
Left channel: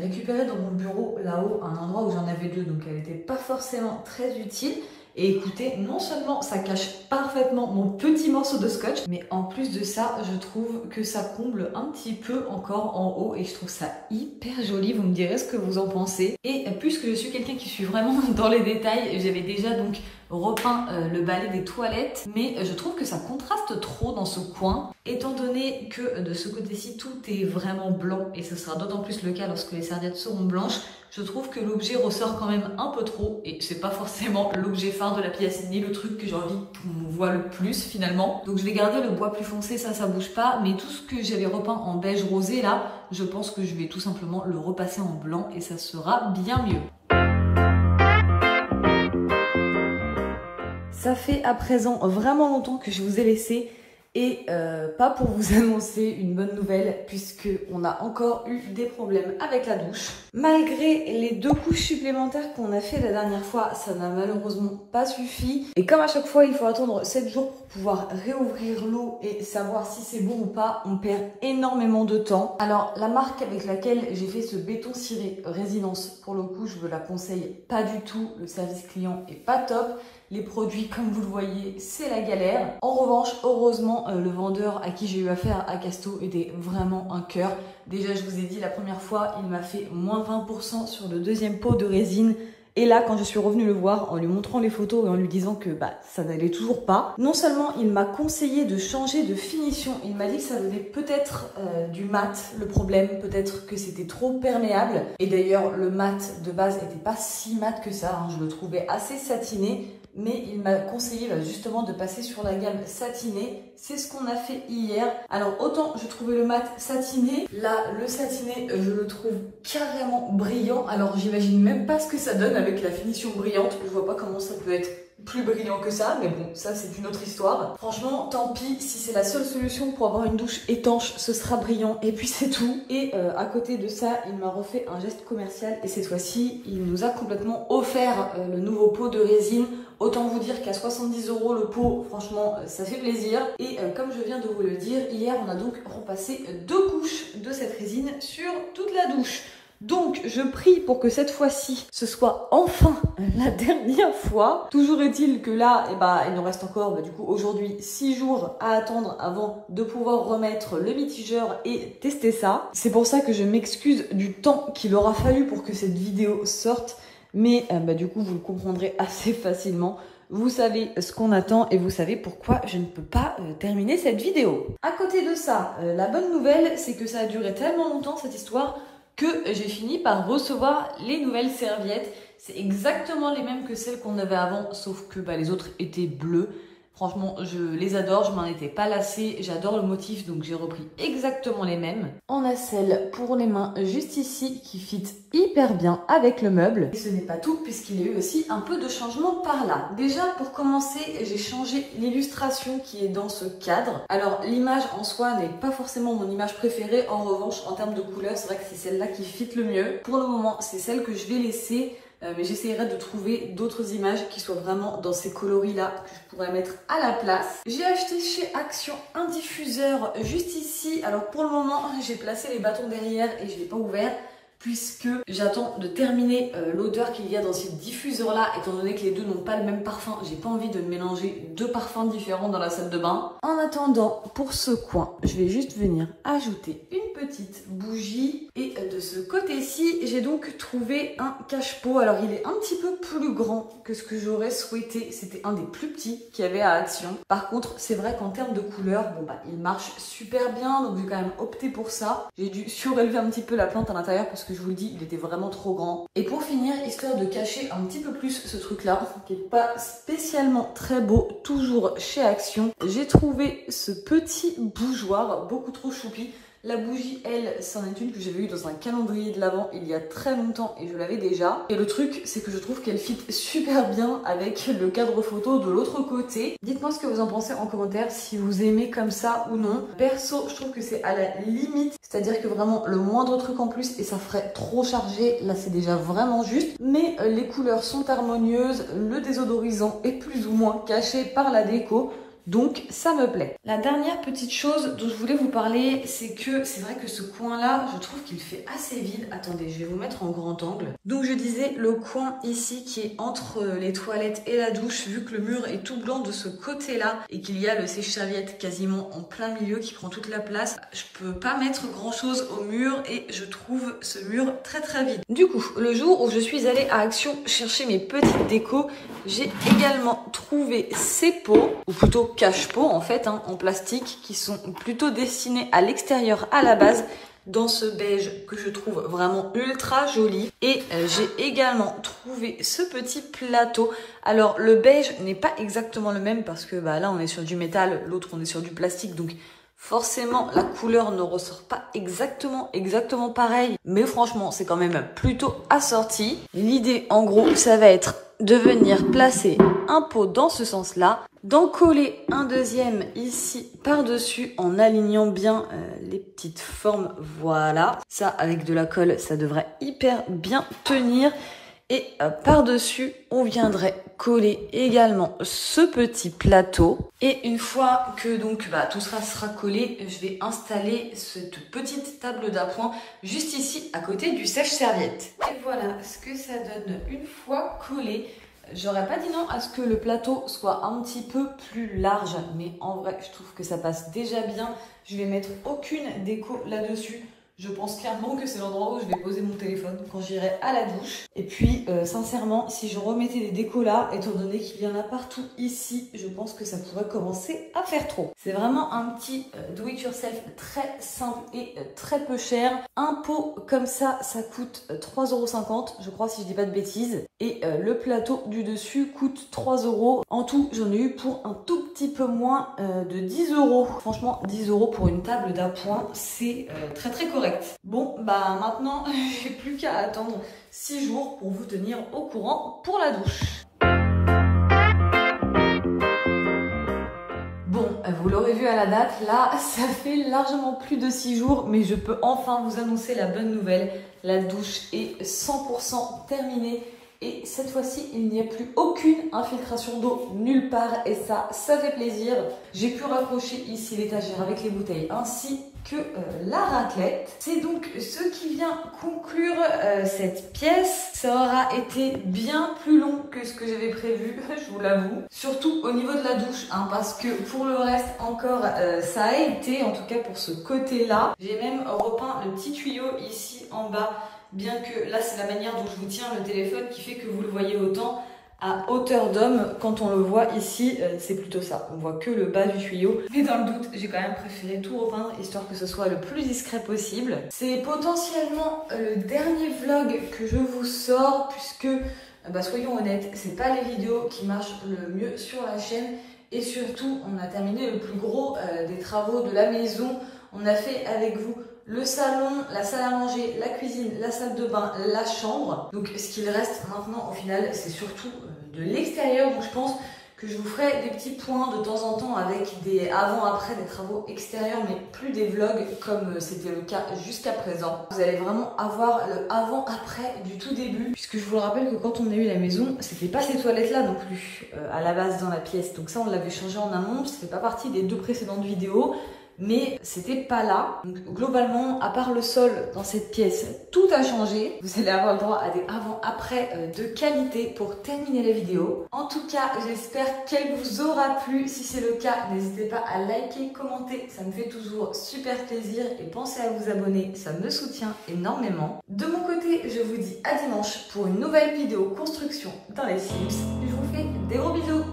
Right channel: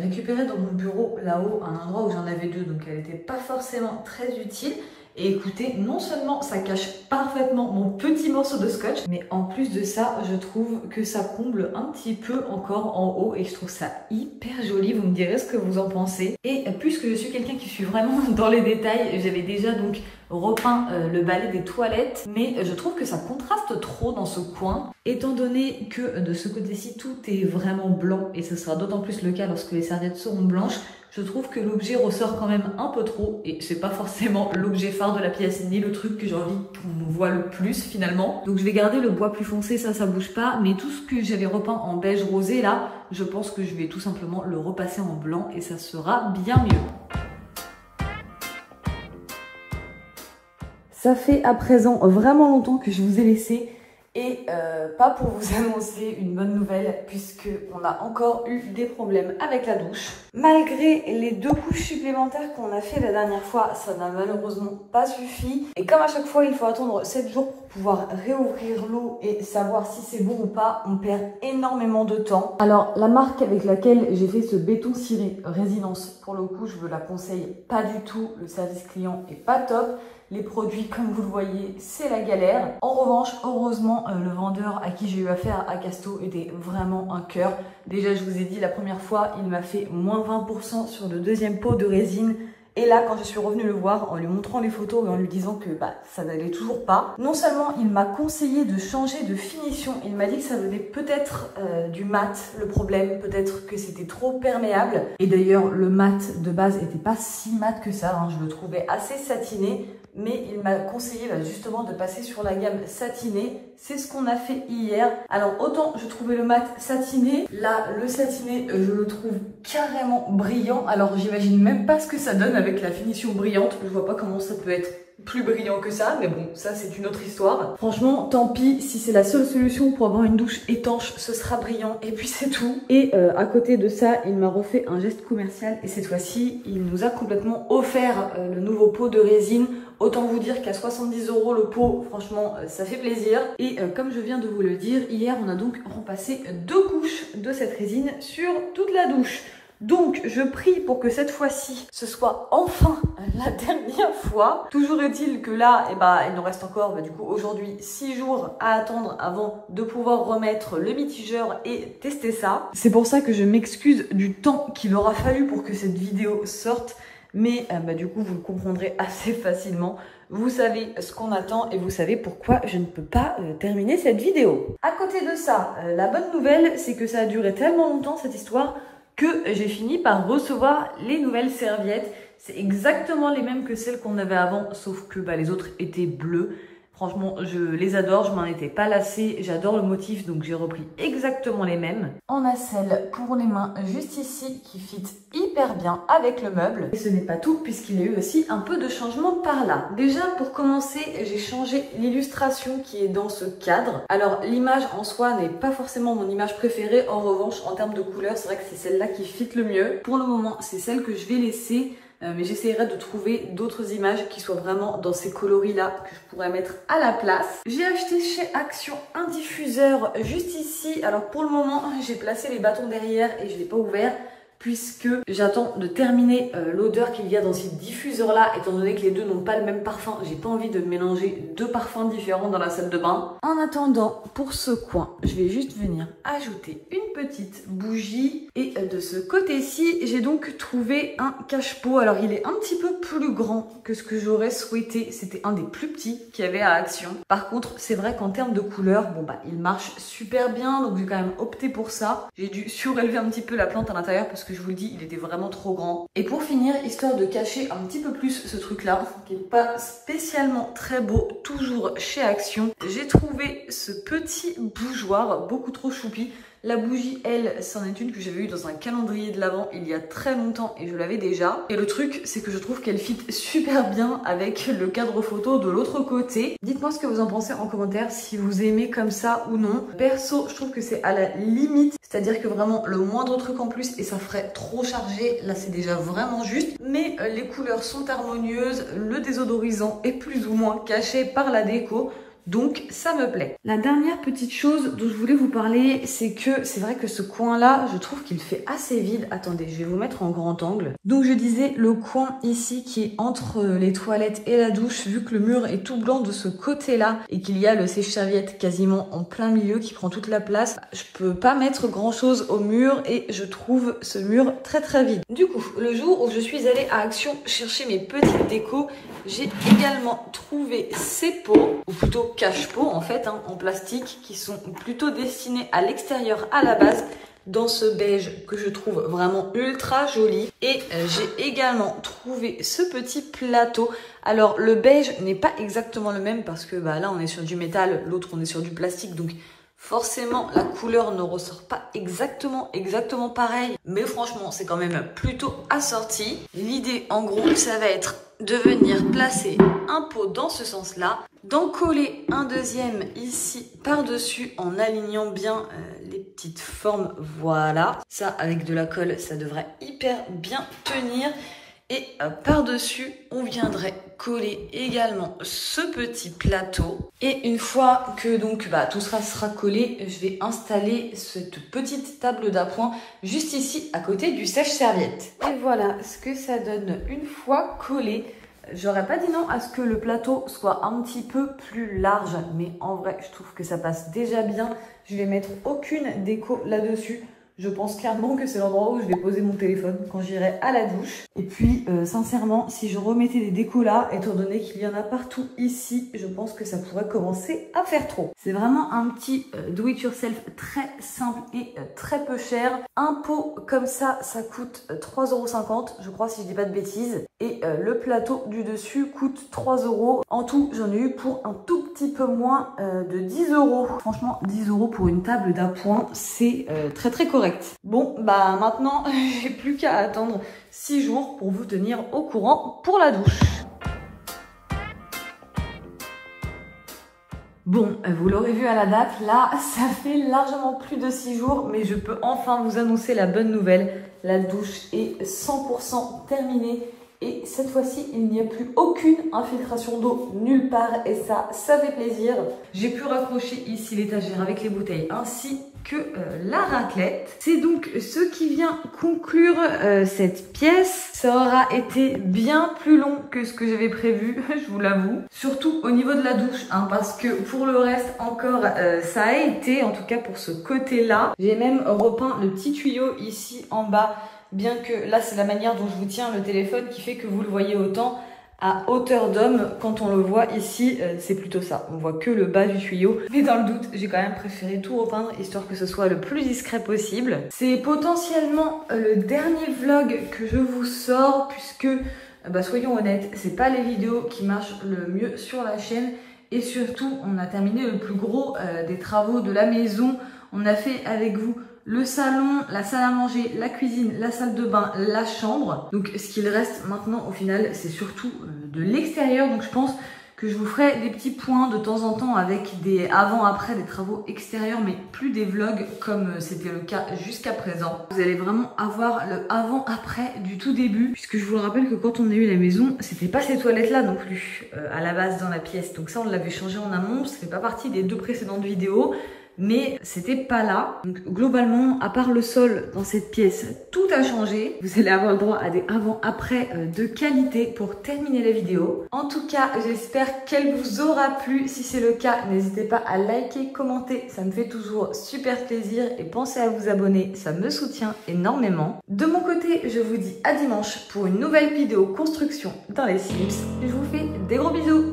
récupérée dans mon bureau là-haut, à un endroit où j'en avais deux, donc elle n'était pas forcément très utile. Et écoutez, non seulement ça cache parfaitement mon petit morceau de scotch, mais en plus de ça, je trouve que ça comble un petit peu encore en haut et je trouve ça hyper joli. Vous me direz ce que vous en pensez. Et puisque je suis quelqu'un qui suis vraiment dans les détails, j'avais déjà donc repeint le balai des toilettes, mais je trouve que ça contraste trop dans ce coin. Étant donné que de ce côté-ci, tout est vraiment blanc et ce sera d'autant plus le cas lorsque les serviettes seront blanches, je trouve que l'objet ressort quand même un peu trop et c'est pas forcément l'objet phare de la pièce ni le truc que j'ai envie qu'on voit le plus finalement. Donc je vais garder le bois plus foncé, ça bouge pas, mais tout ce que j'avais repeint en beige rosé là, je pense que je vais tout simplement le repasser en blanc et ça sera bien mieux. Ça fait à présent vraiment longtemps que je vous ai laissé et pas pour vous annoncer une bonne nouvelle puisque on a encore eu des problèmes avec la douche. Malgré les 2 couches supplémentaires qu'on a fait la dernière fois, ça n'a malheureusement pas suffi. Et comme à chaque fois il faut attendre 7 jours pour pouvoir réouvrir l'eau et savoir si c'est bon ou pas, on perd énormément de temps. Alors la marque avec laquelle j'ai fait ce béton ciré résidence, pour le coup je vous la conseille pas du tout, le service client est pas top. Les produits, comme vous le voyez, c'est la galère. En revanche, heureusement, le vendeur à qui j'ai eu affaire à Casto était vraiment un cœur. Déjà, je vous ai dit, la première fois, il m'a fait moins 20% sur le deuxième pot de résine. Et là, quand je suis revenue le voir, en lui montrant les photos et en lui disant que ça n'allait toujours pas, non seulement il m'a conseillé de changer de finition, il m'a dit que ça venait peut-être du mat, le problème, peut-être que c'était trop perméable. Et d'ailleurs, le mat de base n'était pas si mat que ça, hein, je le trouvais assez satiné. Mais il m'a conseillé justement de passer sur la gamme satinée. C'est ce qu'on a fait hier. Alors autant je trouvais le mat satiné, là le satiné je le trouve carrément brillant. Alors j'imagine même pas ce que ça donne avec la finition brillante. Je vois pas comment ça peut être plus brillant que ça, mais bon, ça c'est une autre histoire. Franchement, tant pis, si c'est la seule solution pour avoir une douche étanche, ce sera brillant et puis c'est tout. Et à côté de ça, il m'a refait un geste commercial et cette fois-ci, il nous a complètement offert le nouveau pot de résine. Autant vous dire qu'à 70 € le pot, franchement, ça fait plaisir. Et comme je viens de vous le dire, hier, on a donc repassé 2 couches de cette résine sur toute la douche. Donc, je prie pour que cette fois-ci, ce soit enfin la dernière fois. Toujours est-il que là, il nous reste encore, du coup, aujourd'hui, 6 jours à attendre avant de pouvoir remettre le mitigeur et tester ça. C'est pour ça que je m'excuse du temps qu'il aura fallu pour que cette vidéo sorte. Mais du coup, vous le comprendrez assez facilement. Vous savez ce qu'on attend et vous savez pourquoi je ne peux pas terminer cette vidéo. À côté de ça, la bonne nouvelle, c'est que ça a duré tellement longtemps cette histoire que j'ai fini par recevoir les nouvelles serviettes. C'est exactement les mêmes que celles qu'on avait avant, sauf que les autres étaient bleues. Franchement, je les adore, je m'en étais pas lassée, j'adore le motif, donc j'ai repris exactement les mêmes. On a celle pour les mains juste ici qui fit hyper bien avec le meuble. Et ce n'est pas tout puisqu'il y a eu aussi un peu de changement par là. Déjà, pour commencer, j'ai changé l'illustration qui est dans ce cadre. Alors, l'image en soi n'est pas forcément mon image préférée. En revanche, en termes de couleur, c'est vrai que c'est celle-là qui fit le mieux. Pour le moment, c'est celle que je vais laisser. Mais j'essaierai de trouver d'autres images qui soient vraiment dans ces coloris-là que je pourrais mettre à la place. J'ai acheté chez Action un diffuseur juste ici. Alors pour le moment, j'ai placé les bâtons derrière et je ne l'ai pas ouvert puisque j'attends de terminer l'odeur qu'il y a dans ces diffuseurs-là. Étant donné que les deux n'ont pas le même parfum, j'ai pas envie de mélanger 2 parfums différents dans la salle de bain. En attendant, pour ce coin, je vais juste venir ajouter une petite bougie. Et de ce côté-ci, j'ai donc trouvé un cache-pot. Alors, il est un petit peu plus grand que ce que j'aurais souhaité. C'était un des plus petits qu'il y avait à Action. Par contre, c'est vrai qu'en termes de couleur, il marche super bien. Donc, j'ai quand même opté pour ça. J'ai dû surélever un petit peu la plante à l'intérieur parce que je vous le dis, il était vraiment trop grand. Et pour finir, histoire de cacher un petit peu plus ce truc-là, qui est pas spécialement très beau, toujours chez Action, j'ai trouvé ce petit bougeoir beaucoup trop choupi. La bougie, elle, c'en est une que j'avais eue dans un calendrier de l'Avent il y a très longtemps et je l'avais déjà. Et le truc, c'est que je trouve qu'elle fit super bien avec le cadre photo de l'autre côté. Dites-moi ce que vous en pensez en commentaire, si vous aimez comme ça ou non. Perso, je trouve que c'est à la limite, c'est-à-dire que vraiment le moindre truc en plus et ça ferait trop chargé. Là, c'est déjà vraiment juste. Mais les couleurs sont harmonieuses, le désodorisant est plus ou moins caché par la déco. Donc ça me plaît. La dernière petite chose dont je voulais vous parler, c'est que c'est vrai que ce coin-là, je trouve qu'il fait assez vide. Attendez, je vais vous mettre en grand angle. Donc je disais le coin ici qui est entre les toilettes et la douche, vu que le mur est tout blanc de ce côté-là et qu'il y a le sèche-serviette quasiment en plein milieu qui prend toute la place, je peux pas mettre grand-chose au mur et je trouve ce mur très vide. Du coup, le jour où je suis allée à Action chercher mes petites décos, j'ai également trouvé ces pots, ou plutôt cache-pots en fait, en plastique, qui sont plutôt destinés à l'extérieur à la base, dans ce beige que je trouve vraiment ultra joli. Et j'ai également trouvé ce petit plateau. Alors le beige n'est pas exactement le même parce que là on est sur du métal, l'autre on est sur du plastique, donc forcément la couleur ne ressort pas exactement pareil, mais franchement c'est quand même plutôt assorti. L'idée en gros ça va être de venir placer un pot dans ce sens-là, d'en coller un deuxième ici par-dessus en alignant bien les petites formes, voilà. Ça avec de la colle ça devrait hyper bien tenir. Et par-dessus, on viendrait coller également ce petit plateau. Et une fois que donc tout ça sera collé, je vais installer cette petite table d'appoint juste ici à côté du sèche-serviette. Et voilà ce que ça donne une fois collé. J'aurais pas dit non à ce que le plateau soit un petit peu plus large, mais en vrai, je trouve que ça passe déjà bien. Je vais mettre aucune déco là-dessus. Je pense clairement que c'est l'endroit où je vais poser mon téléphone quand j'irai à la douche. Et puis, sincèrement, si je remettais des décos là, étant donné qu'il y en a partout ici, je pense que ça pourrait commencer à faire trop. C'est vraiment un petit do-it-yourself très simple et très peu cher. Un pot comme ça, ça coûte 3,50 €, je crois, si je dis pas de bêtises. Et le plateau du dessus coûte 3 €. En tout, j'en ai eu pour un tout petit peu moins de 10 €. Franchement, 10 € pour une table d'appoint, c'est très correct. Bon, maintenant, j'ai plus qu'à attendre 6 jours pour vous tenir au courant pour la douche. Bon, vous l'aurez vu à la date, là, ça fait largement plus de 6 jours, mais je peux enfin vous annoncer la bonne nouvelle. La douche est 100% terminée. Et cette fois-ci, il n'y a plus aucune infiltration d'eau nulle part et ça fait plaisir. J'ai pu raccrocher ici l'étagère avec les bouteilles ainsi que la raclette. C'est donc ce qui vient conclure cette pièce. Ça aura été bien plus long que ce que j'avais prévu, je vous l'avoue. Surtout au niveau de la douche, parce que pour le reste encore, ça a été, en tout cas pour ce côté-là. J'ai même repeint le petit tuyau ici en bas. Bien que là, c'est la manière dont je vous tiens le téléphone qui fait que vous le voyez autant à hauteur d'homme. Quand on le voit ici, c'est plutôt ça. On voit que le bas du tuyau. Mais dans le doute, j'ai quand même préféré tout repeindre histoire que ce soit le plus discret possible. C'est potentiellement le dernier vlog que je vous sors puisque, soyons honnêtes, c'est pas les vidéos qui marchent le mieux sur la chaîne. Et surtout, on a terminé le plus gros des travaux de la maison. On a fait avec vous le salon, la salle à manger, la cuisine, la salle de bain, la chambre. Donc ce qu'il reste maintenant au final, c'est surtout de l'extérieur. Donc je pense que je vous ferai des petits points de temps en temps avec des avant-après, des travaux extérieurs, mais plus des vlogs comme c'était le cas jusqu'à présent. Vous allez vraiment avoir le avant-après du tout début, puisque je vous rappelle que quand on a eu la maison, c'était pas ces toilettes-là non plus à la base dans la pièce. Donc ça, on l'avait changé en amont, ça fait pas partie des 2 précédentes vidéos. Mais c'était pas là. Donc globalement, à part le sol dans cette pièce, tout a changé. Vous allez avoir le droit à des avant-après de qualité pour terminer la vidéo. En tout cas, j'espère qu'elle vous aura plu. Si c'est le cas, n'hésitez pas à liker, commenter. Ça me fait toujours super plaisir. Et pensez à vous abonner, ça me soutient énormément. De mon côté, je vous dis à dimanche pour une nouvelle vidéo construction dans les Sims. Je vous fais des gros bisous.